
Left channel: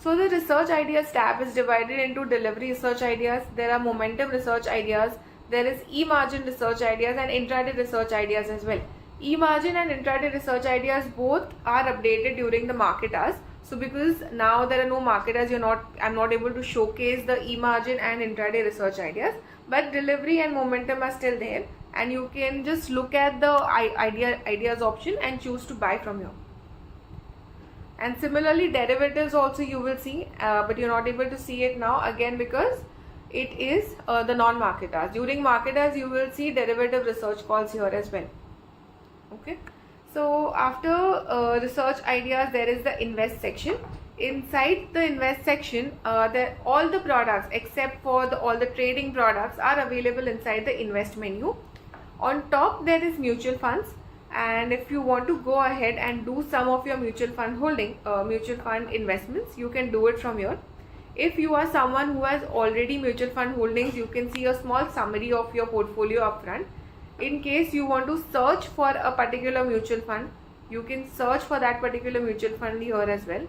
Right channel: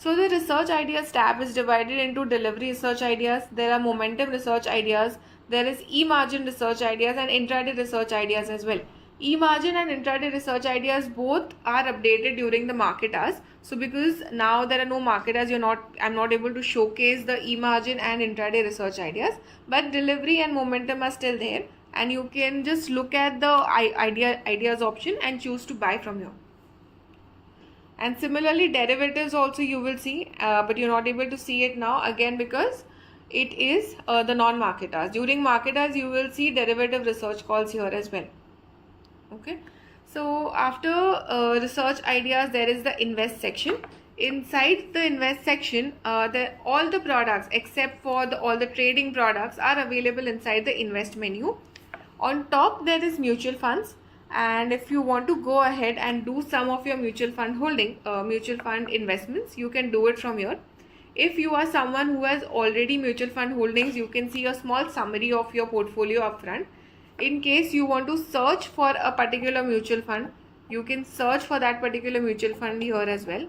So the research ideas tab is divided into delivery research ideas, there are momentum research ideas, there is e-margin research ideas and intraday research ideas as well. E-margin and intraday research ideas both are updated during the market hours. So because now there are no market hours, I'm not able to showcase the e-margin and intraday research ideas, but delivery and momentum are still there, and you can just look at the ideas option and choose to buy from here. And similarly, derivatives also you will see, but you're not able to see it now, again because it is the non-market hours. During market hours, you will see derivative research calls here as well. Okay, so after research ideas, there is the invest section. Inside the invest section, all the products except for all the trading products are available inside the invest menu. On top there is mutual funds, and if you want to go ahead and do some of your mutual fund investments, you can do it from here. If you are someone who has already mutual fund holdings, you can see a small summary of your portfolio up front. In case you want to search for a particular mutual fund, you can search for that particular mutual fund here as well.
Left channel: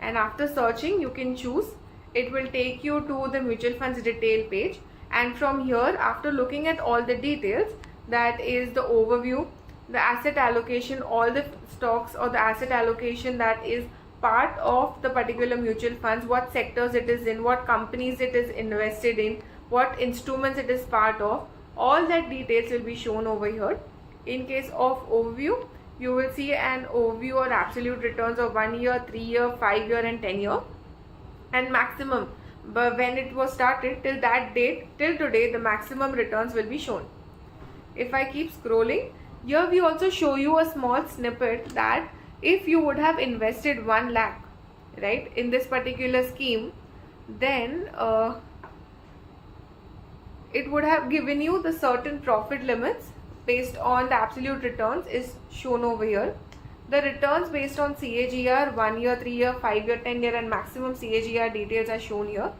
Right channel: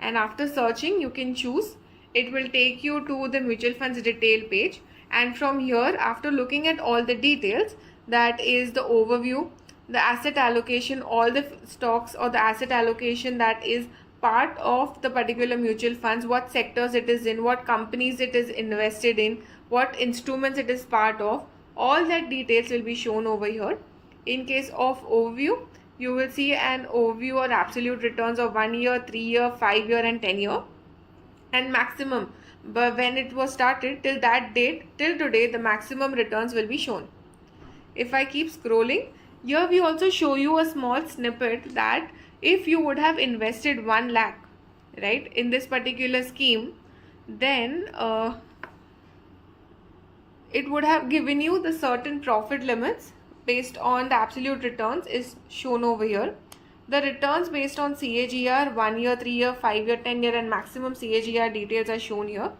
And after searching, you can choose. It will take you to the mutual funds detail page. And from here, after looking at all the details, that is the overview, the asset allocation, all the stocks or the asset allocation that is part of the particular mutual funds, what sectors it is in, what companies it is invested in, what instruments it is part of, all that details will be shown over here. In case of overview, you will see an overview or absolute returns of 1 year, 3 year, 5 year and 10 year, and maximum. But when it was started till that date, till today, the maximum returns will be shown. If I keep scrolling, here we also show you a small snippet that if you would have invested 1 lakh, right, in this particular scheme, then it would have given you the certain profit limits based on the absolute returns is shown over here. The returns based on CAGR, 1 year, 3 year, 5 year, 10 year and maximum CAGR details are shown here.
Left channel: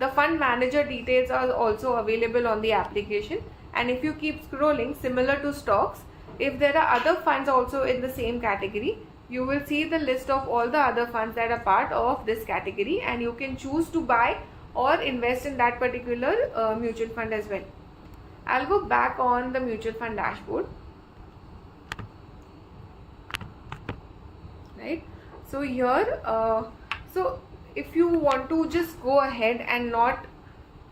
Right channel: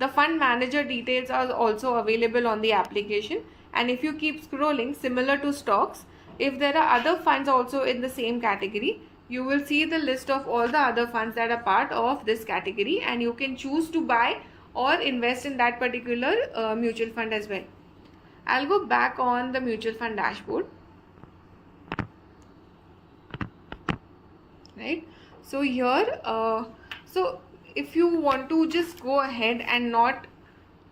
The fund manager details are also available on the application. And if you keep scrolling, similar to stocks, if there are other funds also in the same category, you will see the list of all the other funds that are part of this category, and you can choose to buy or invest in that particular mutual fund as well. I'll go back on the mutual fund dashboard. Right, so here so if you want to just go ahead and not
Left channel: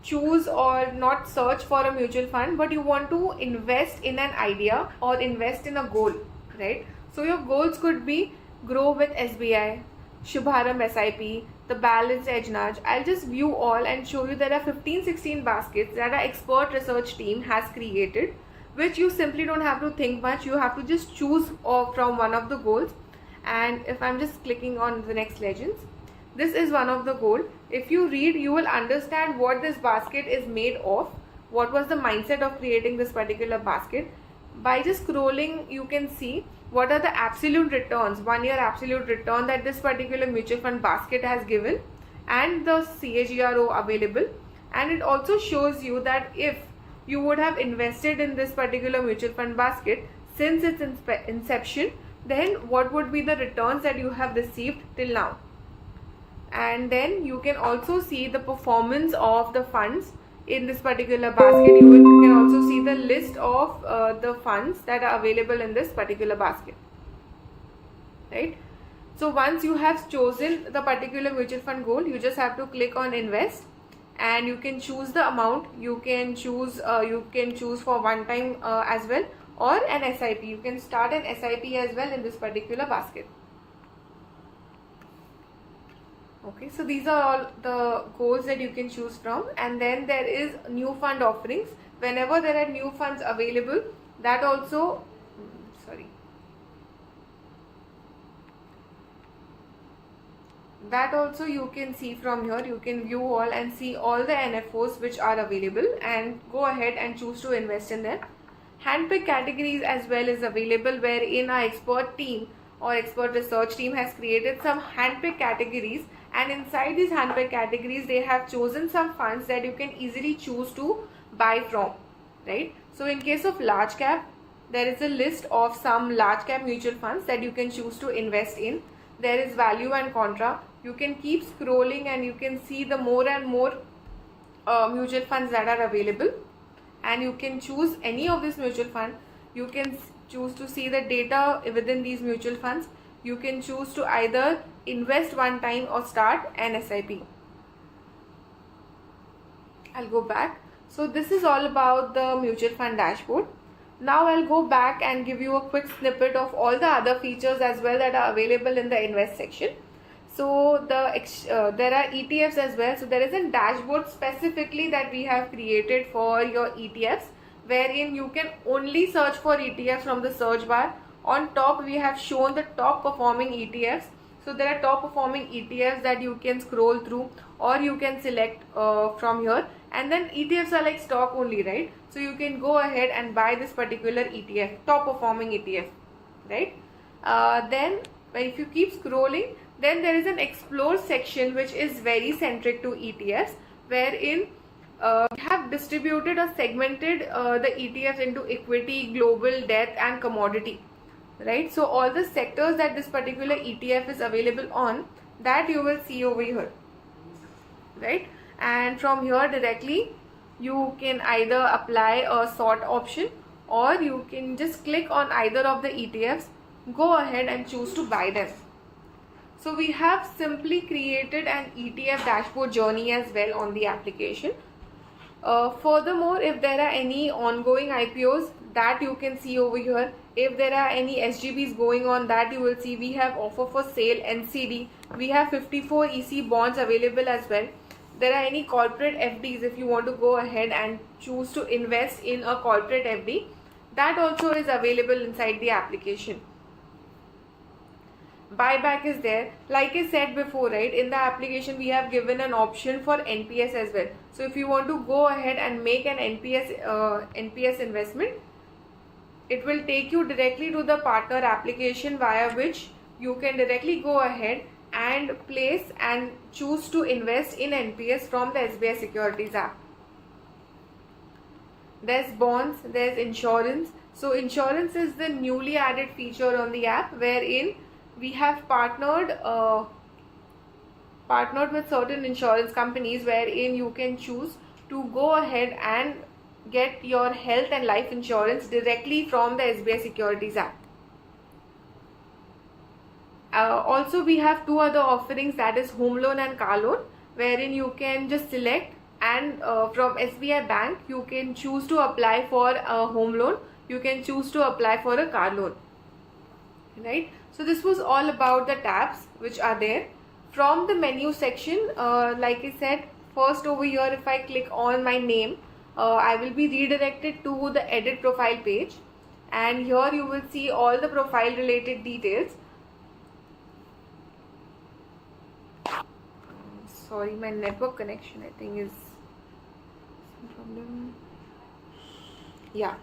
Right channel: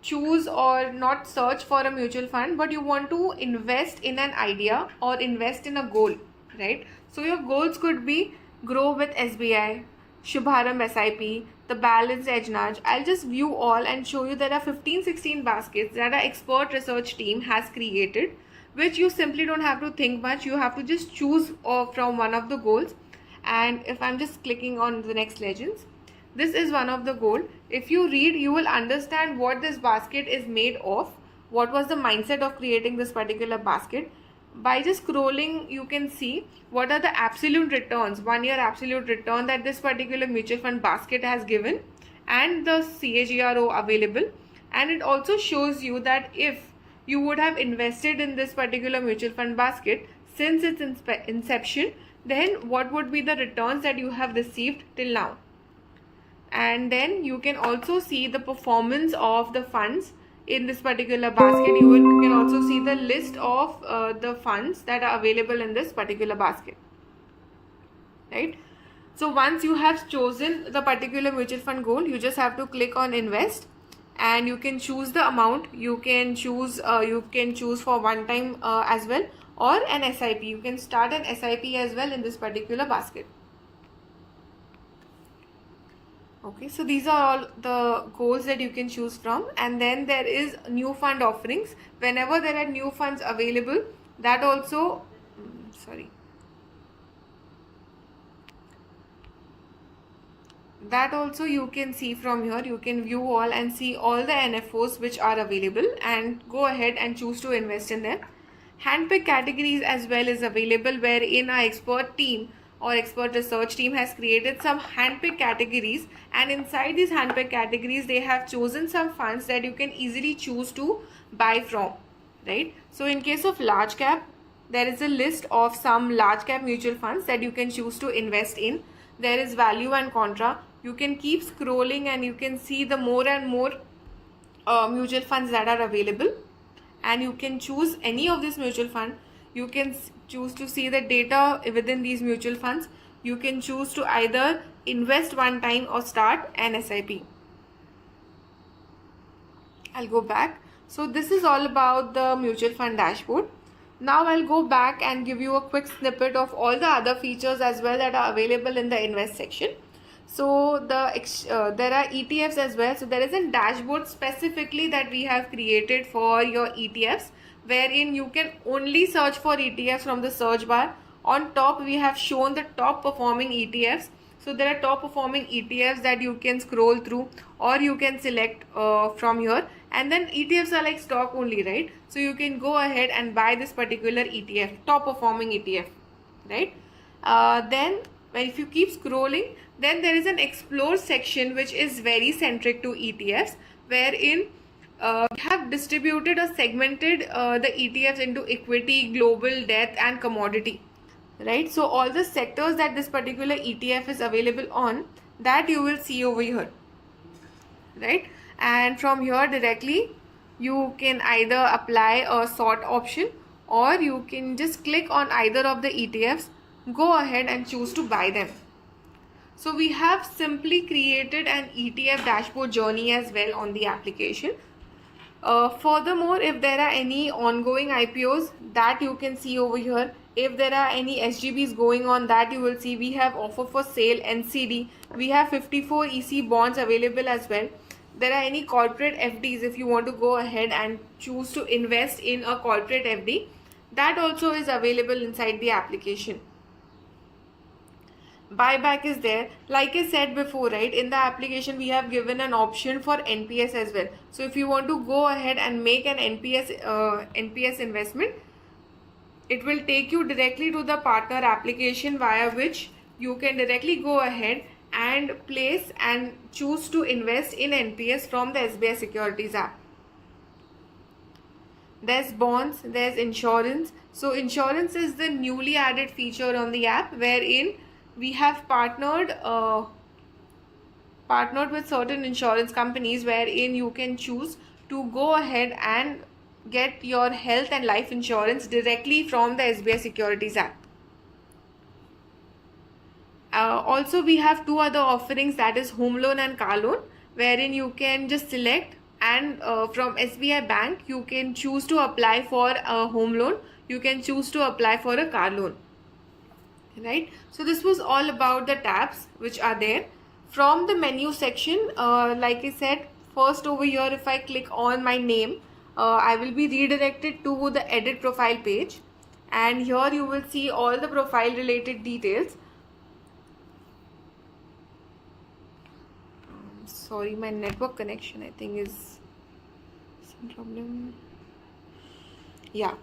choose or not search for a mutual fund, but you want to invest in an idea or invest in a goal, right? So your goals could be grow with SBI, Shubharam SIP, the Balance Edge Nudge. I'll just view all and show you there are 15-16 baskets that our expert research team has created, which you simply don't have to think much. You have to just choose from one of the goals. And if I'm just clicking on the next legends, this is one of the goal. If you read, you will understand what this basket is made of, what was the mindset of creating this particular basket. By just scrolling, you can see what are the absolute returns, 1 year absolute return that this particular mutual fund basket has given, and the CAGR available. And it also shows you that if you would have invested in this particular mutual fund basket since its inception, then what would be the returns that you have received till now. And then you can also see the performance of the funds in this particular basket. You can also see the list of the funds that are available in this particular basket, right? So once you have chosen the particular mutual fund goal, you just have to click on invest, and you can choose the amount. You can choose for one time as well, or an SIP. You can start an SIP as well in this particular basket. Okay, so these are all the goals that you can choose from. And then there is new fund offerings. Whenever there are new funds available, that also you can see from here. You can view all and see all the NFOs which are available and go ahead and choose to invest in them. Handpick categories as well is available, wherein our expert team or expert research team has created some handpick categories, and inside these handpick categories they have chosen some funds that you can easily choose to buy from, right? So in case of large cap, there is a list of some large cap mutual funds that you can choose to invest in. There is value and contra. You can keep scrolling and you can see the more and more mutual funds that are available. and you can choose any of this mutual fund. You can choose to see the data within these mutual funds. You can choose to either invest one time or start an SIP. I'll go back. So this is all about the mutual fund dashboard. Now I'll go back and give you a quick snippet of all the other features as well that are available in the invest section. So there are ETFs as well. So there is a dashboard specifically that we have created for your ETFs, wherein you can only search for ETFs from the search bar. On top we have shown the top performing ETFs. So there are top performing ETFs that you can scroll through, or you can select from here. And then ETFs are like stock only, right? So you can go ahead and buy this particular ETF, top performing ETF, right? Then if you keep scrolling, then there is an explore section which is very centric to ETFs, wherein we have distributed or segmented the ETFs into equity, global, debt and commodity, right? So all the sectors that this particular ETF is available on, that you will see over here, right? And from here directly you can either apply a sort option, or you can just click on either of the ETFs, go ahead and choose to buy them. So we have simply created an ETF dashboard journey as well on the application. Furthermore, if there are any ongoing IPOs, that you can see over here. If there are any SGBs going on, that you will see. We have offer for sale NCD. We have 54 EC bonds available as well. There are any corporate FDs. If you want to go ahead and choose to invest in a corporate FD, that also is available inside the application. Buyback is there. Like I said before, right, in the application we have given an option for NPS as well. So if you want to go ahead and make an NPS investment, it will take you directly to the partner application, via which you can directly go ahead and place and choose to invest in NPS from the SBI Securities app. There's bonds, there's insurance. So insurance is the newly added feature on the app, wherein we have partnered with certain insurance companies, wherein you can choose to go ahead and get your health and life insurance directly from the SBI Securities app. Also we have two other offerings, that is home loan and car loan, wherein you can just select, and from SBI Bank you can choose to apply for a home loan, you can choose to apply for a car loan, right? So this was all about the tabs which are there. From the menu section, like I said, first over here, if I click on my name, I will be redirected to the edit profile page, and here you will see all the profile related details. Sorry, my network connection I think is some problem. Yeah,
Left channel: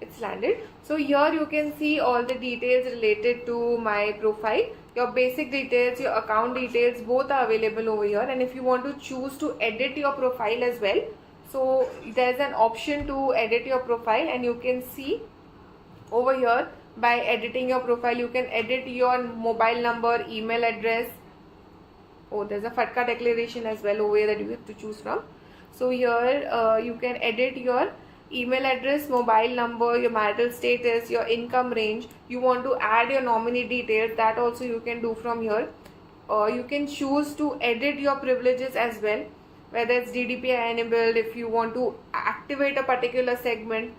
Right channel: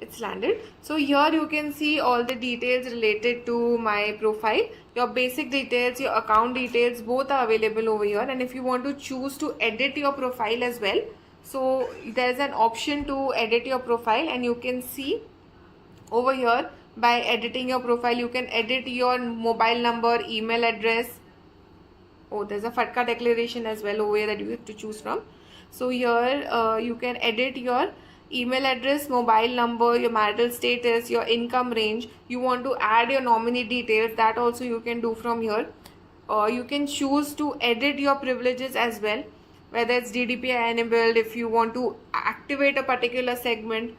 it's landed. So here you can see all the details related to my profile. Your basic details, your account details, both are available over here. And if you want to choose to edit your profile as well, so there's an option to edit your profile, and you can see over here, by editing your profile you can edit your mobile number, email address. Oh, there's a FATCA declaration as well over here that you have to choose from. So here you can edit your email address, mobile number, your marital status, your income range. You want to add your nominee details, that also you can do from here. You can choose to edit your privileges as well, whether it's DDPI enabled, if you want to activate a particular segment,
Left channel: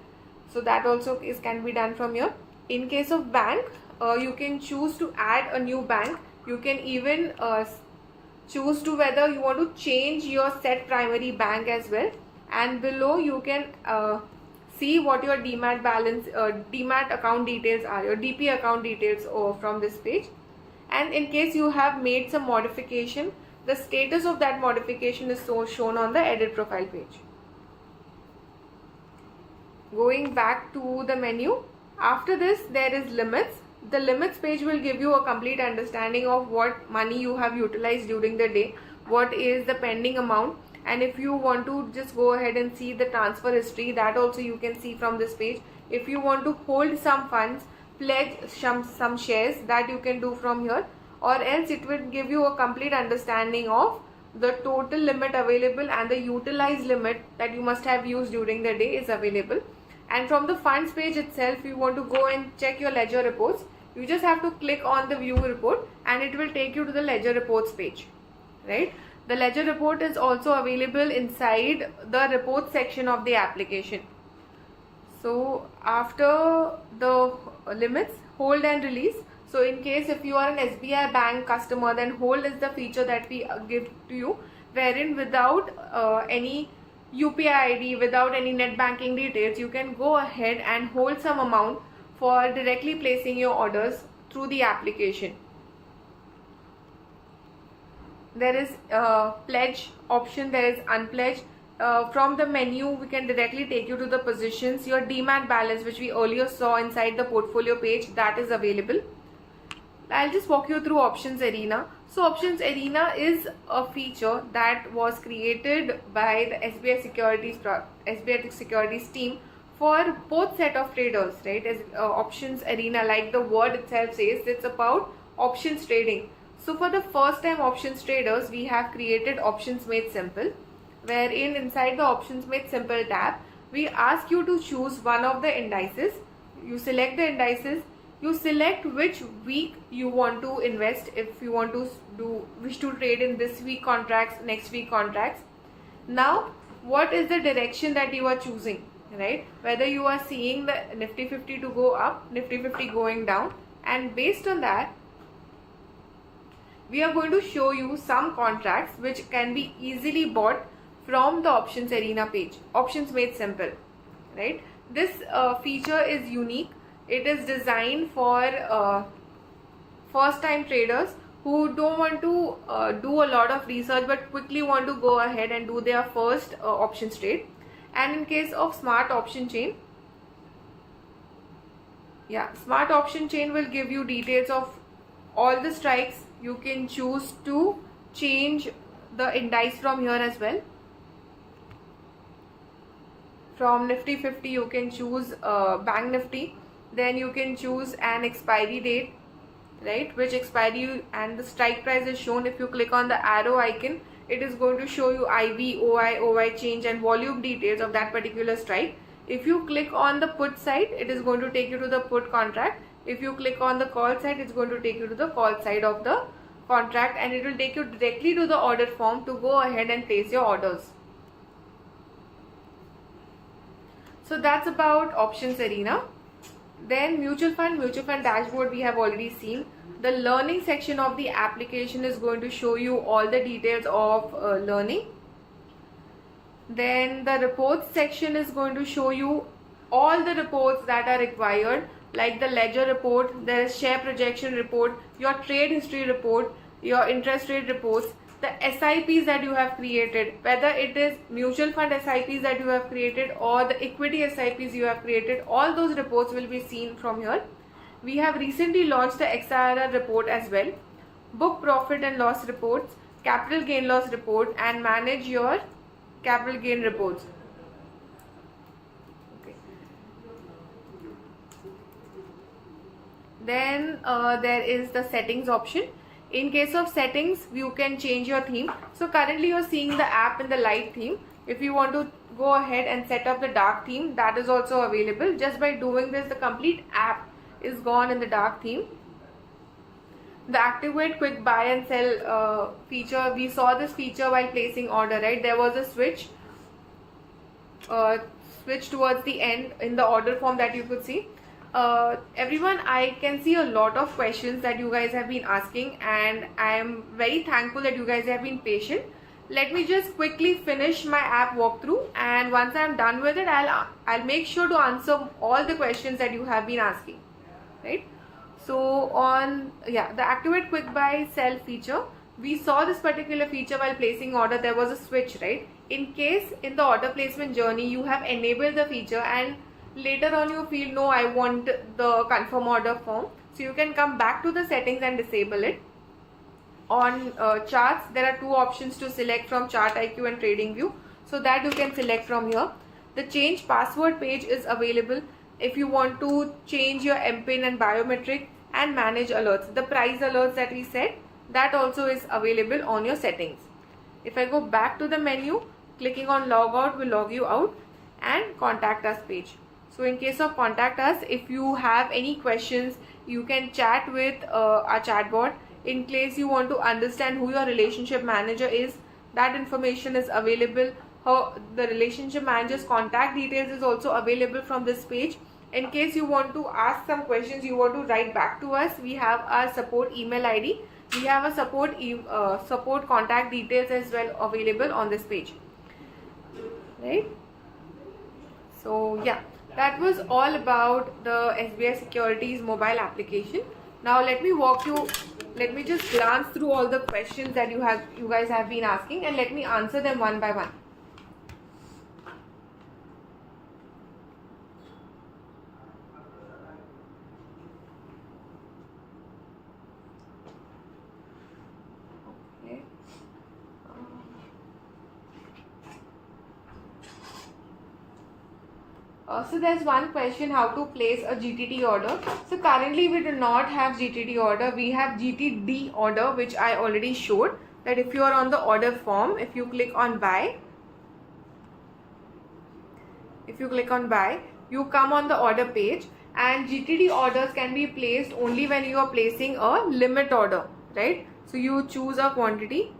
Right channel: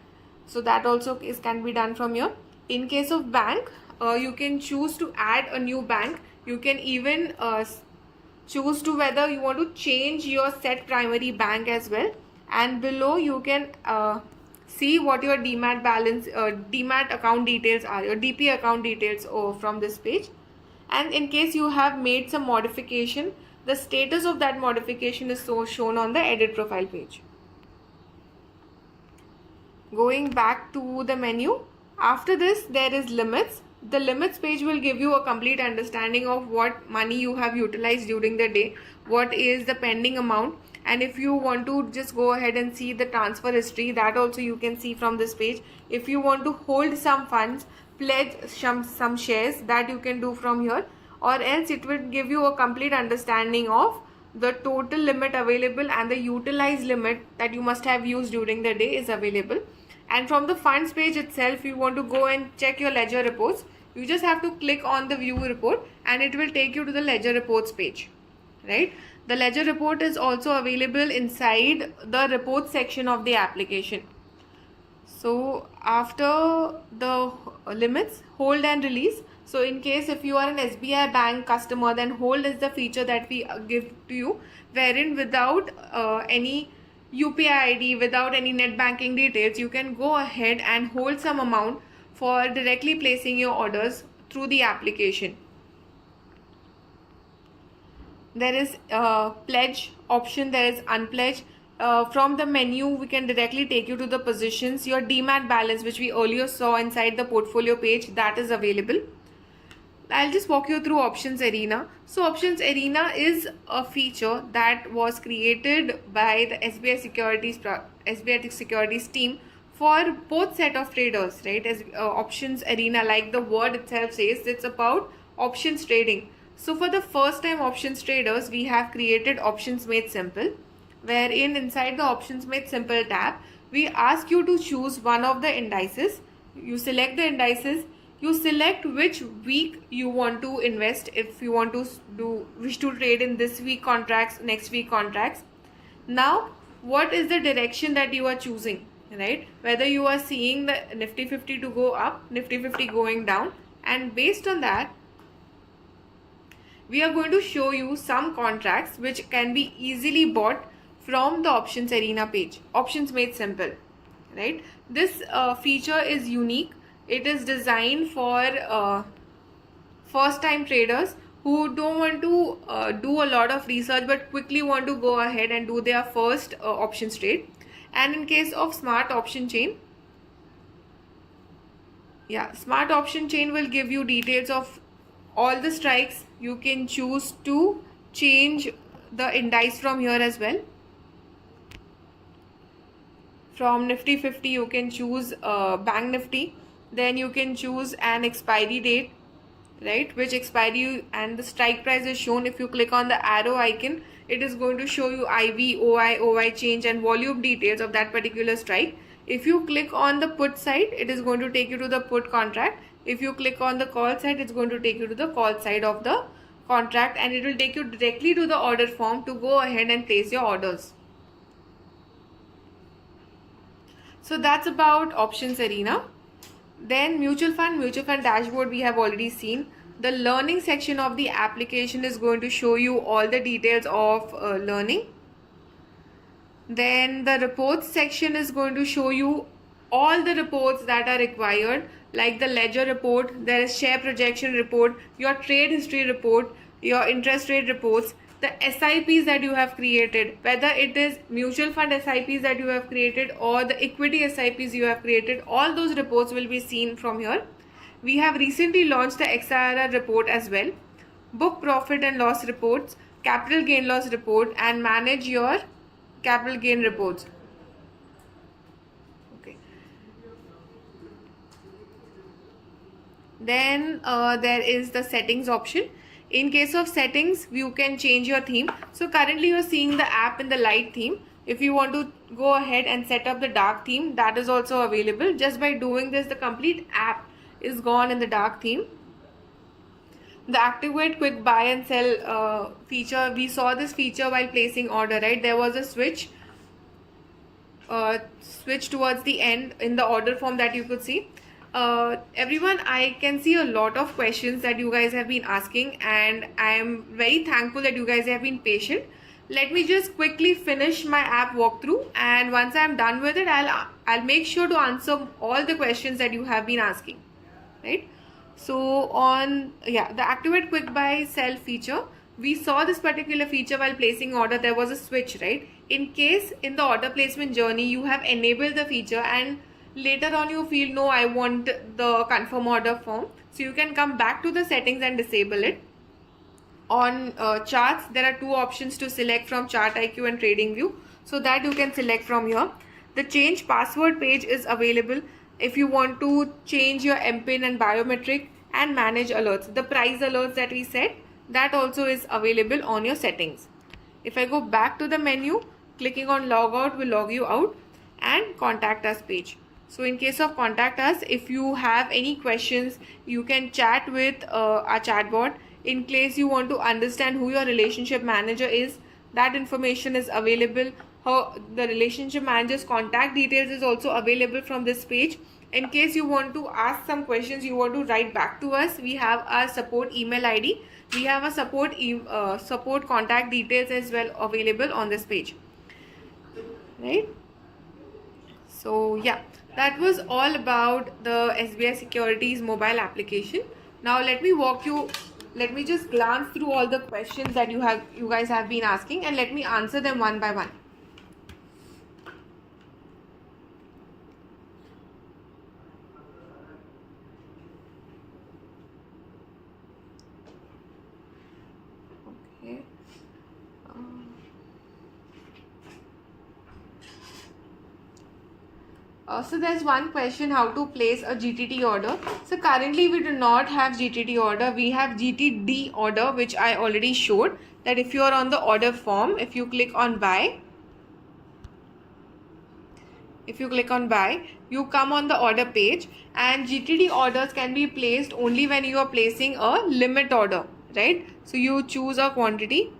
so that also can be done from here. In case of bank, you can choose to add a new bank. You can even choose to whether you want to change your set primary bank as well, and below you can see what your demat balance, demat account details are, your DP account details from this page. And in case you have made some modification, the status of that modification is shown on the edit profile page. Going back to the menu, after this there is limits. The limits page will give you a complete understanding of what money you have utilized during the day, what is the pending amount, and if you want to just go ahead and see the transfer history, that also you can see from this page. If you want to hold some funds, pledge some shares, that you can do from here, or else it will give you a complete understanding of the total limit available and the utilized limit that you must have used during the day is available. And from the funds page itself, you want to go and check your ledger reports, you just have to click on the view report and it will take you to the ledger reports page, right? The ledger report is also available inside the report section of the application. So after the limits, hold and release. So in case if you are an SBI bank customer, then hold is the feature that we give to you, wherein without any UPI ID, without any net banking details, you can go ahead and hold some amount for directly placing your orders through the application. There is pledge option, there is unpledge. From the menu, we can directly take you to the positions. Your demat balance, which we earlier saw inside the portfolio page, that is available. I'll just walk you through Options Arena. So Options Arena is a feature that was created by the SBI Securities team for both set of traders, right? As Options Arena, like the word itself says, it's about options trading. So for the first time options traders, we have created Options Made Simple, wherein inside the Options Made Simple tab, we ask you to choose one of the indices. You select the indices, you select which week you want to invest, if you want to wish to trade in this week contracts, next week contracts. Now, what is the direction that you are choosing, right? Whether you are seeing the Nifty 50 to go up, Nifty 50 going down, and based on that, we are going to show you some contracts which can be easily bought from the Options Arena page, Options Made Simple, right? This feature is unique. It is designed for first time traders who don't want to do a lot of research but quickly want to go ahead and do their first options trade. And in case of Smart Option Chain, Smart Option Chain will give you details of all the strikes. You can choose to change the indice from here as well. From Nifty 50, you can choose Bank Nifty. Then you can choose an expiry date, right? Which expiry and the strike price is shown. If you click on the arrow icon, it is going to show you IV, OI change and volume details of that particular strike. If you click on the put side, it is going to take you to the put contract. If you click on the call side, it's going to take you to the call side of the contract, and it will take you directly to the order form to go ahead and place your orders. So that's about Options Arena. Then mutual fund dashboard we have already seen. The learning section of the application is going to show you all the details of learning. Then the reports section is going to show you all the reports that are required, like the ledger report, there is share projection report, your trade history report, your interest rate reports, the SIPs that you have created, whether it is mutual fund SIPs that you have created or the equity SIPs you have created, all those reports will be seen from here. We have recently launched the XIRR report as well, book profit and loss reports, capital gain loss report, and manage your capital gain reports. Okay. Then there is the settings option. In case of settings, you can change your theme. So currently you're seeing the app in the light theme. If you want to go ahead and set up the dark theme, that is also available. Just by doing this, the complete app is gone in the dark theme. The activate quick buy and sell feature, we saw this feature while placing order, right? There was a switch towards the end in the order form that you could see. Everyone, I can see a lot of questions that you guys have been asking, and I am very thankful that you guys have been patient. Let me just quickly finish my app walkthrough, and once I am done with it, I'll make sure to answer all the questions that you have been asking, right? So on the activate quick buy sell feature, we saw this particular feature while placing order. There was a switch, right? In case in the order placement journey you have enabled the feature and later on you feel no, I want the confirm order form, so you can come back to the settings and disable it. On charts, there are two options to select from Chart IQ and Trading View, so that you can select from here. The change password page is available if you want to change your MPIN and biometric, and manage alerts. The price alerts that we set, that also is available on your settings. If I go back to the menu, clicking on log out will log you out, and contact us page. So in case of contact us, if you have any questions, you can chat with our chatbot. In case you want to understand who your relationship manager is, that information is available. The relationship manager's contact details is also available from this page. In case you want to ask some questions, you want to write back to us, we have our support email ID. We have a support contact details as well available on this page, right? So yeah, that was all about the SBI Securities mobile application. Now let me just glance through all the questions that you guys have been asking, and let me answer them one by one. Okay. So there's one question, how to place a GTT order. So currently we do not have GTT order. We have GTD order, which I already showed. That if you are on the order form, if you click on buy, you come on the order page, and GTD orders can be placed only when you are placing a limit order, right? So you choose a quantity,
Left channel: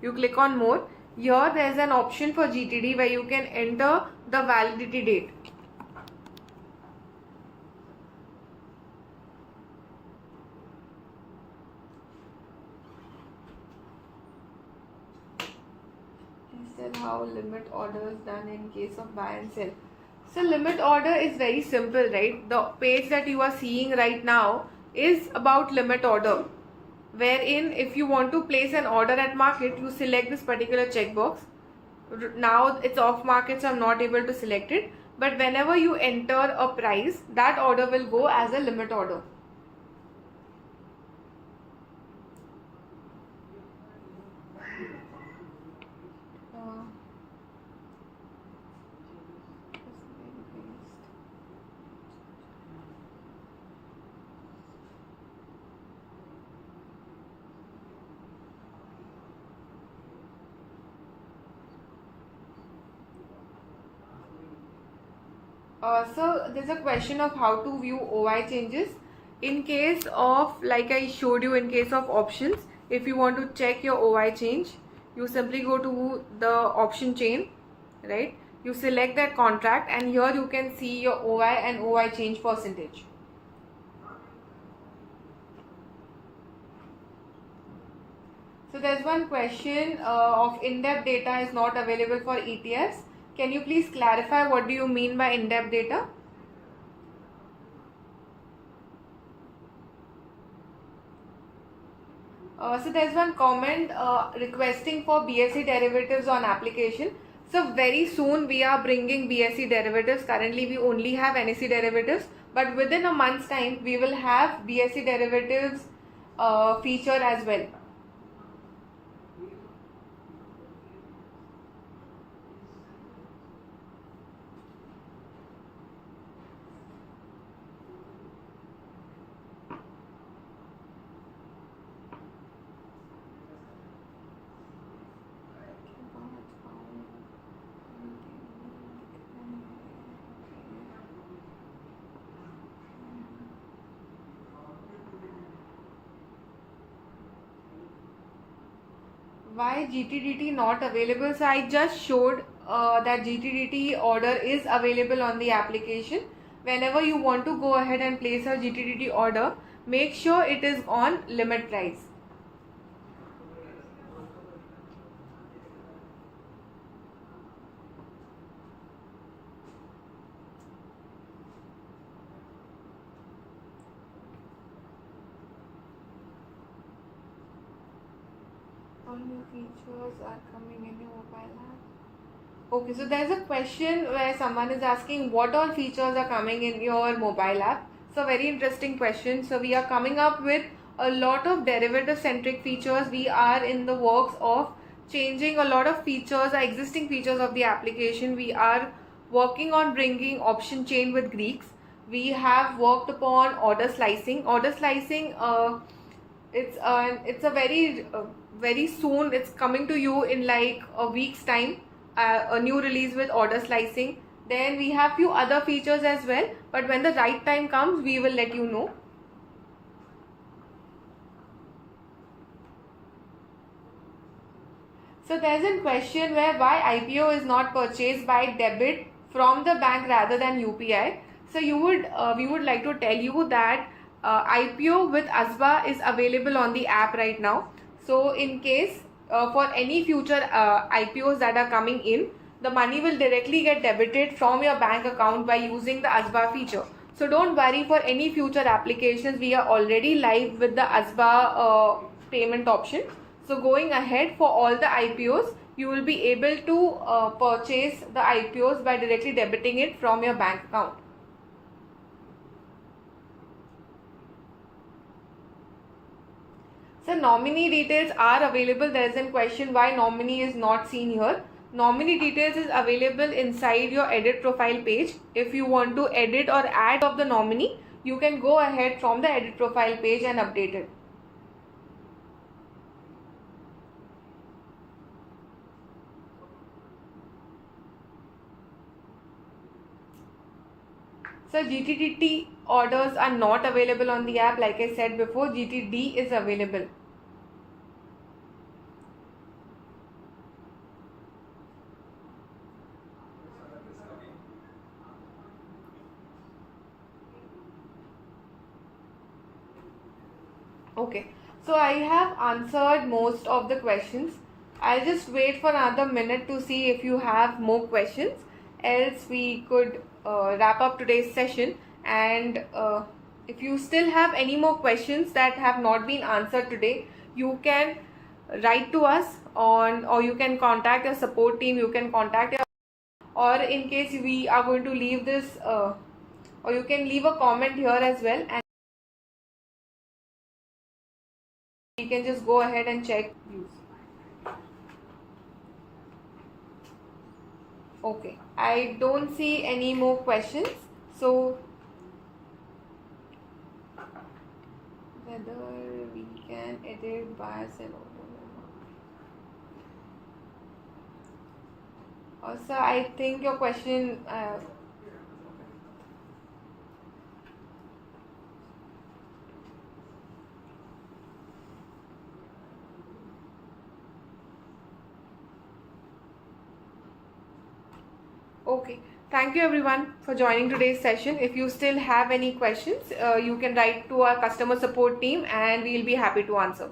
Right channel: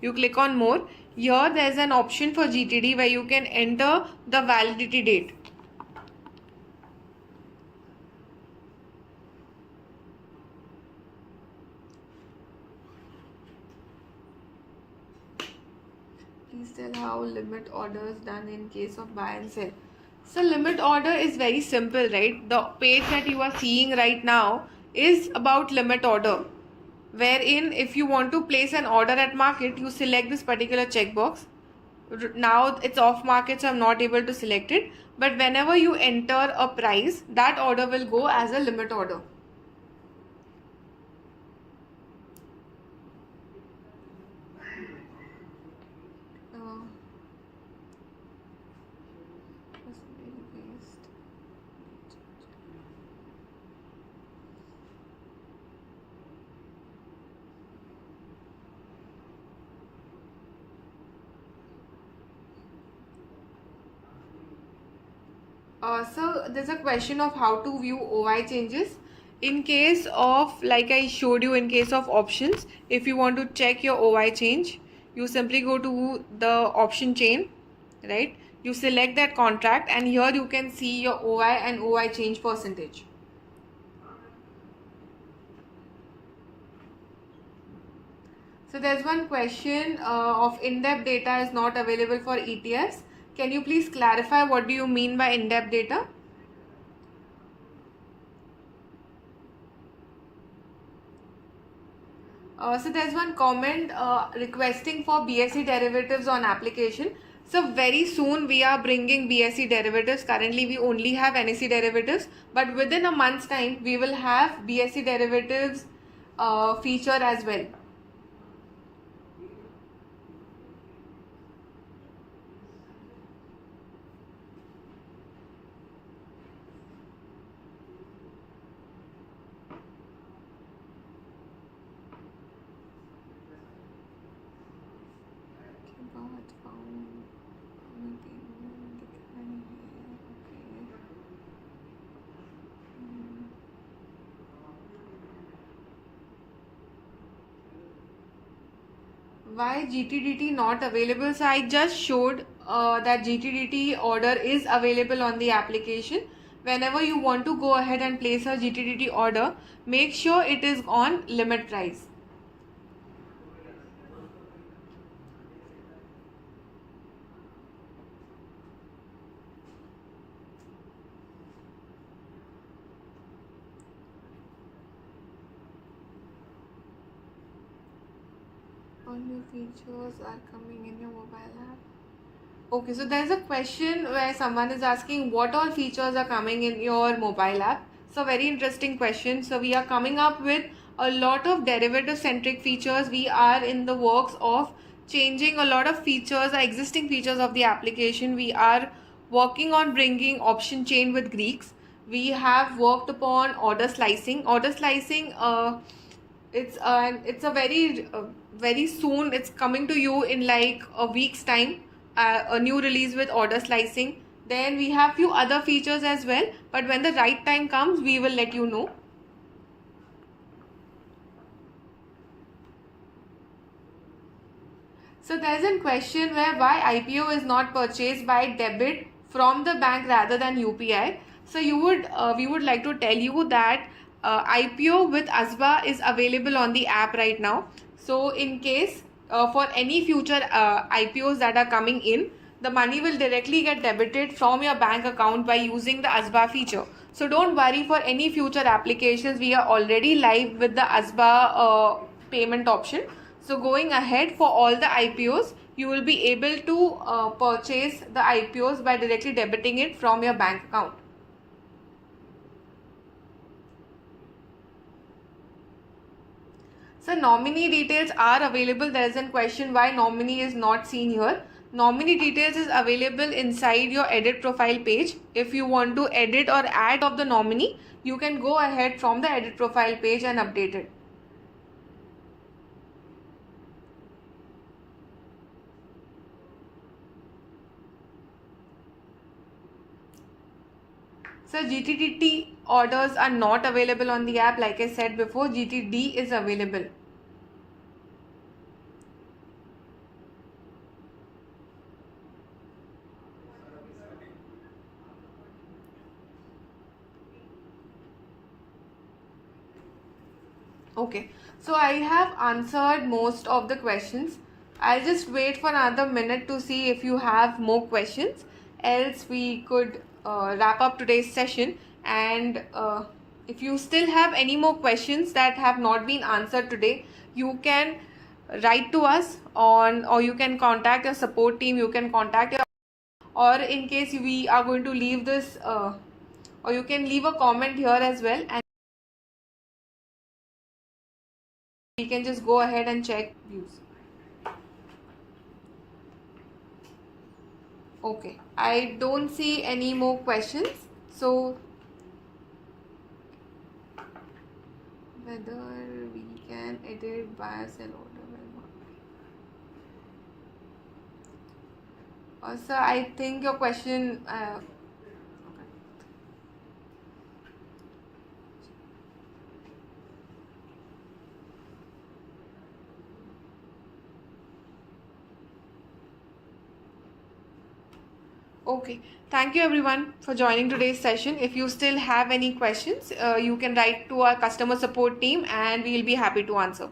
you click on more. Here there is an option for GTD where you can enter the validity date. Please tell how limit order is done in case of buy and sell. So limit order is very simple, right? The page that you are seeing right now is about limit order, wherein if you want to place an order at market, you select this particular checkbox. Now it's off market, so I'm not able to select it, but whenever you enter a price, that order will go as a limit order. So there's a question of how to view OI changes. In case of, like I showed you, in case of options, if you want to check your OI change, you simply go to the option chain, right? You select that contract, and here you can see your OI and OI change percentage. So there's one question of in-depth data is not available for ETFs. Can you please clarify what do you mean by in-depth data? So there's one comment requesting for BSE derivatives on application. So very soon we are bringing BSE derivatives. Currently we only have NSE derivatives, but within a month's time we will have BSE derivatives feature as well. Why GTDT not available? So I just showed that GTDT order is available on the application. Whenever you want to go ahead and place a GTDT order, make sure it is on limit price. All new features are coming in your mobile app. Okay, so there's a question where someone is asking what all features are coming in your mobile app. So very interesting question. So we are coming up with a lot of derivative centric features. We are in the works of changing a lot of features, existing features of the application. We are working on bringing option chain with Greeks. We have worked upon order slicing. Order slicing It's a very soon. It's coming to you in like a week's time. A new release with order slicing. Then we have few other features as well. But when the right time comes, we will let you know. So there's a question where why IPO is not purchased by debit from the bank rather than UPI. So we would like to tell you that IPO with ASBA is available on the app right now. So in case for any future IPOs that are coming in, the money will directly get debited from your bank account by using the ASBA feature. So don't worry for any future applications. We are already live with the ASBA payment option. So going ahead for all the IPOs, you will be able to purchase the IPOs by directly debiting it from your bank account. So nominee details are available. There is a question why nominee is not seen here. Nominee details is available inside your edit profile page. If you want to edit or add of the nominee, you can go ahead from the edit profile page and update it. So GTT orders are not available on the app. Like I said before, GTD is available. Okay, so I have answered most of the questions. I'll just wait for another minute to see if you have more questions. Else we could wrap up today's session. And if you still have any more questions that have not been answered today, you can write to us on, or you can contact your support team. You can contact your, or in case we are going to leave this, or you can leave a comment here as well, and we can just go ahead and check views. Okay, I don't see any more questions. So whether we can edit bias and order. Also, I think your question. Okay, thank you everyone for joining today's session. If you still have any questions, you can write to our customer support team and we will be happy to answer.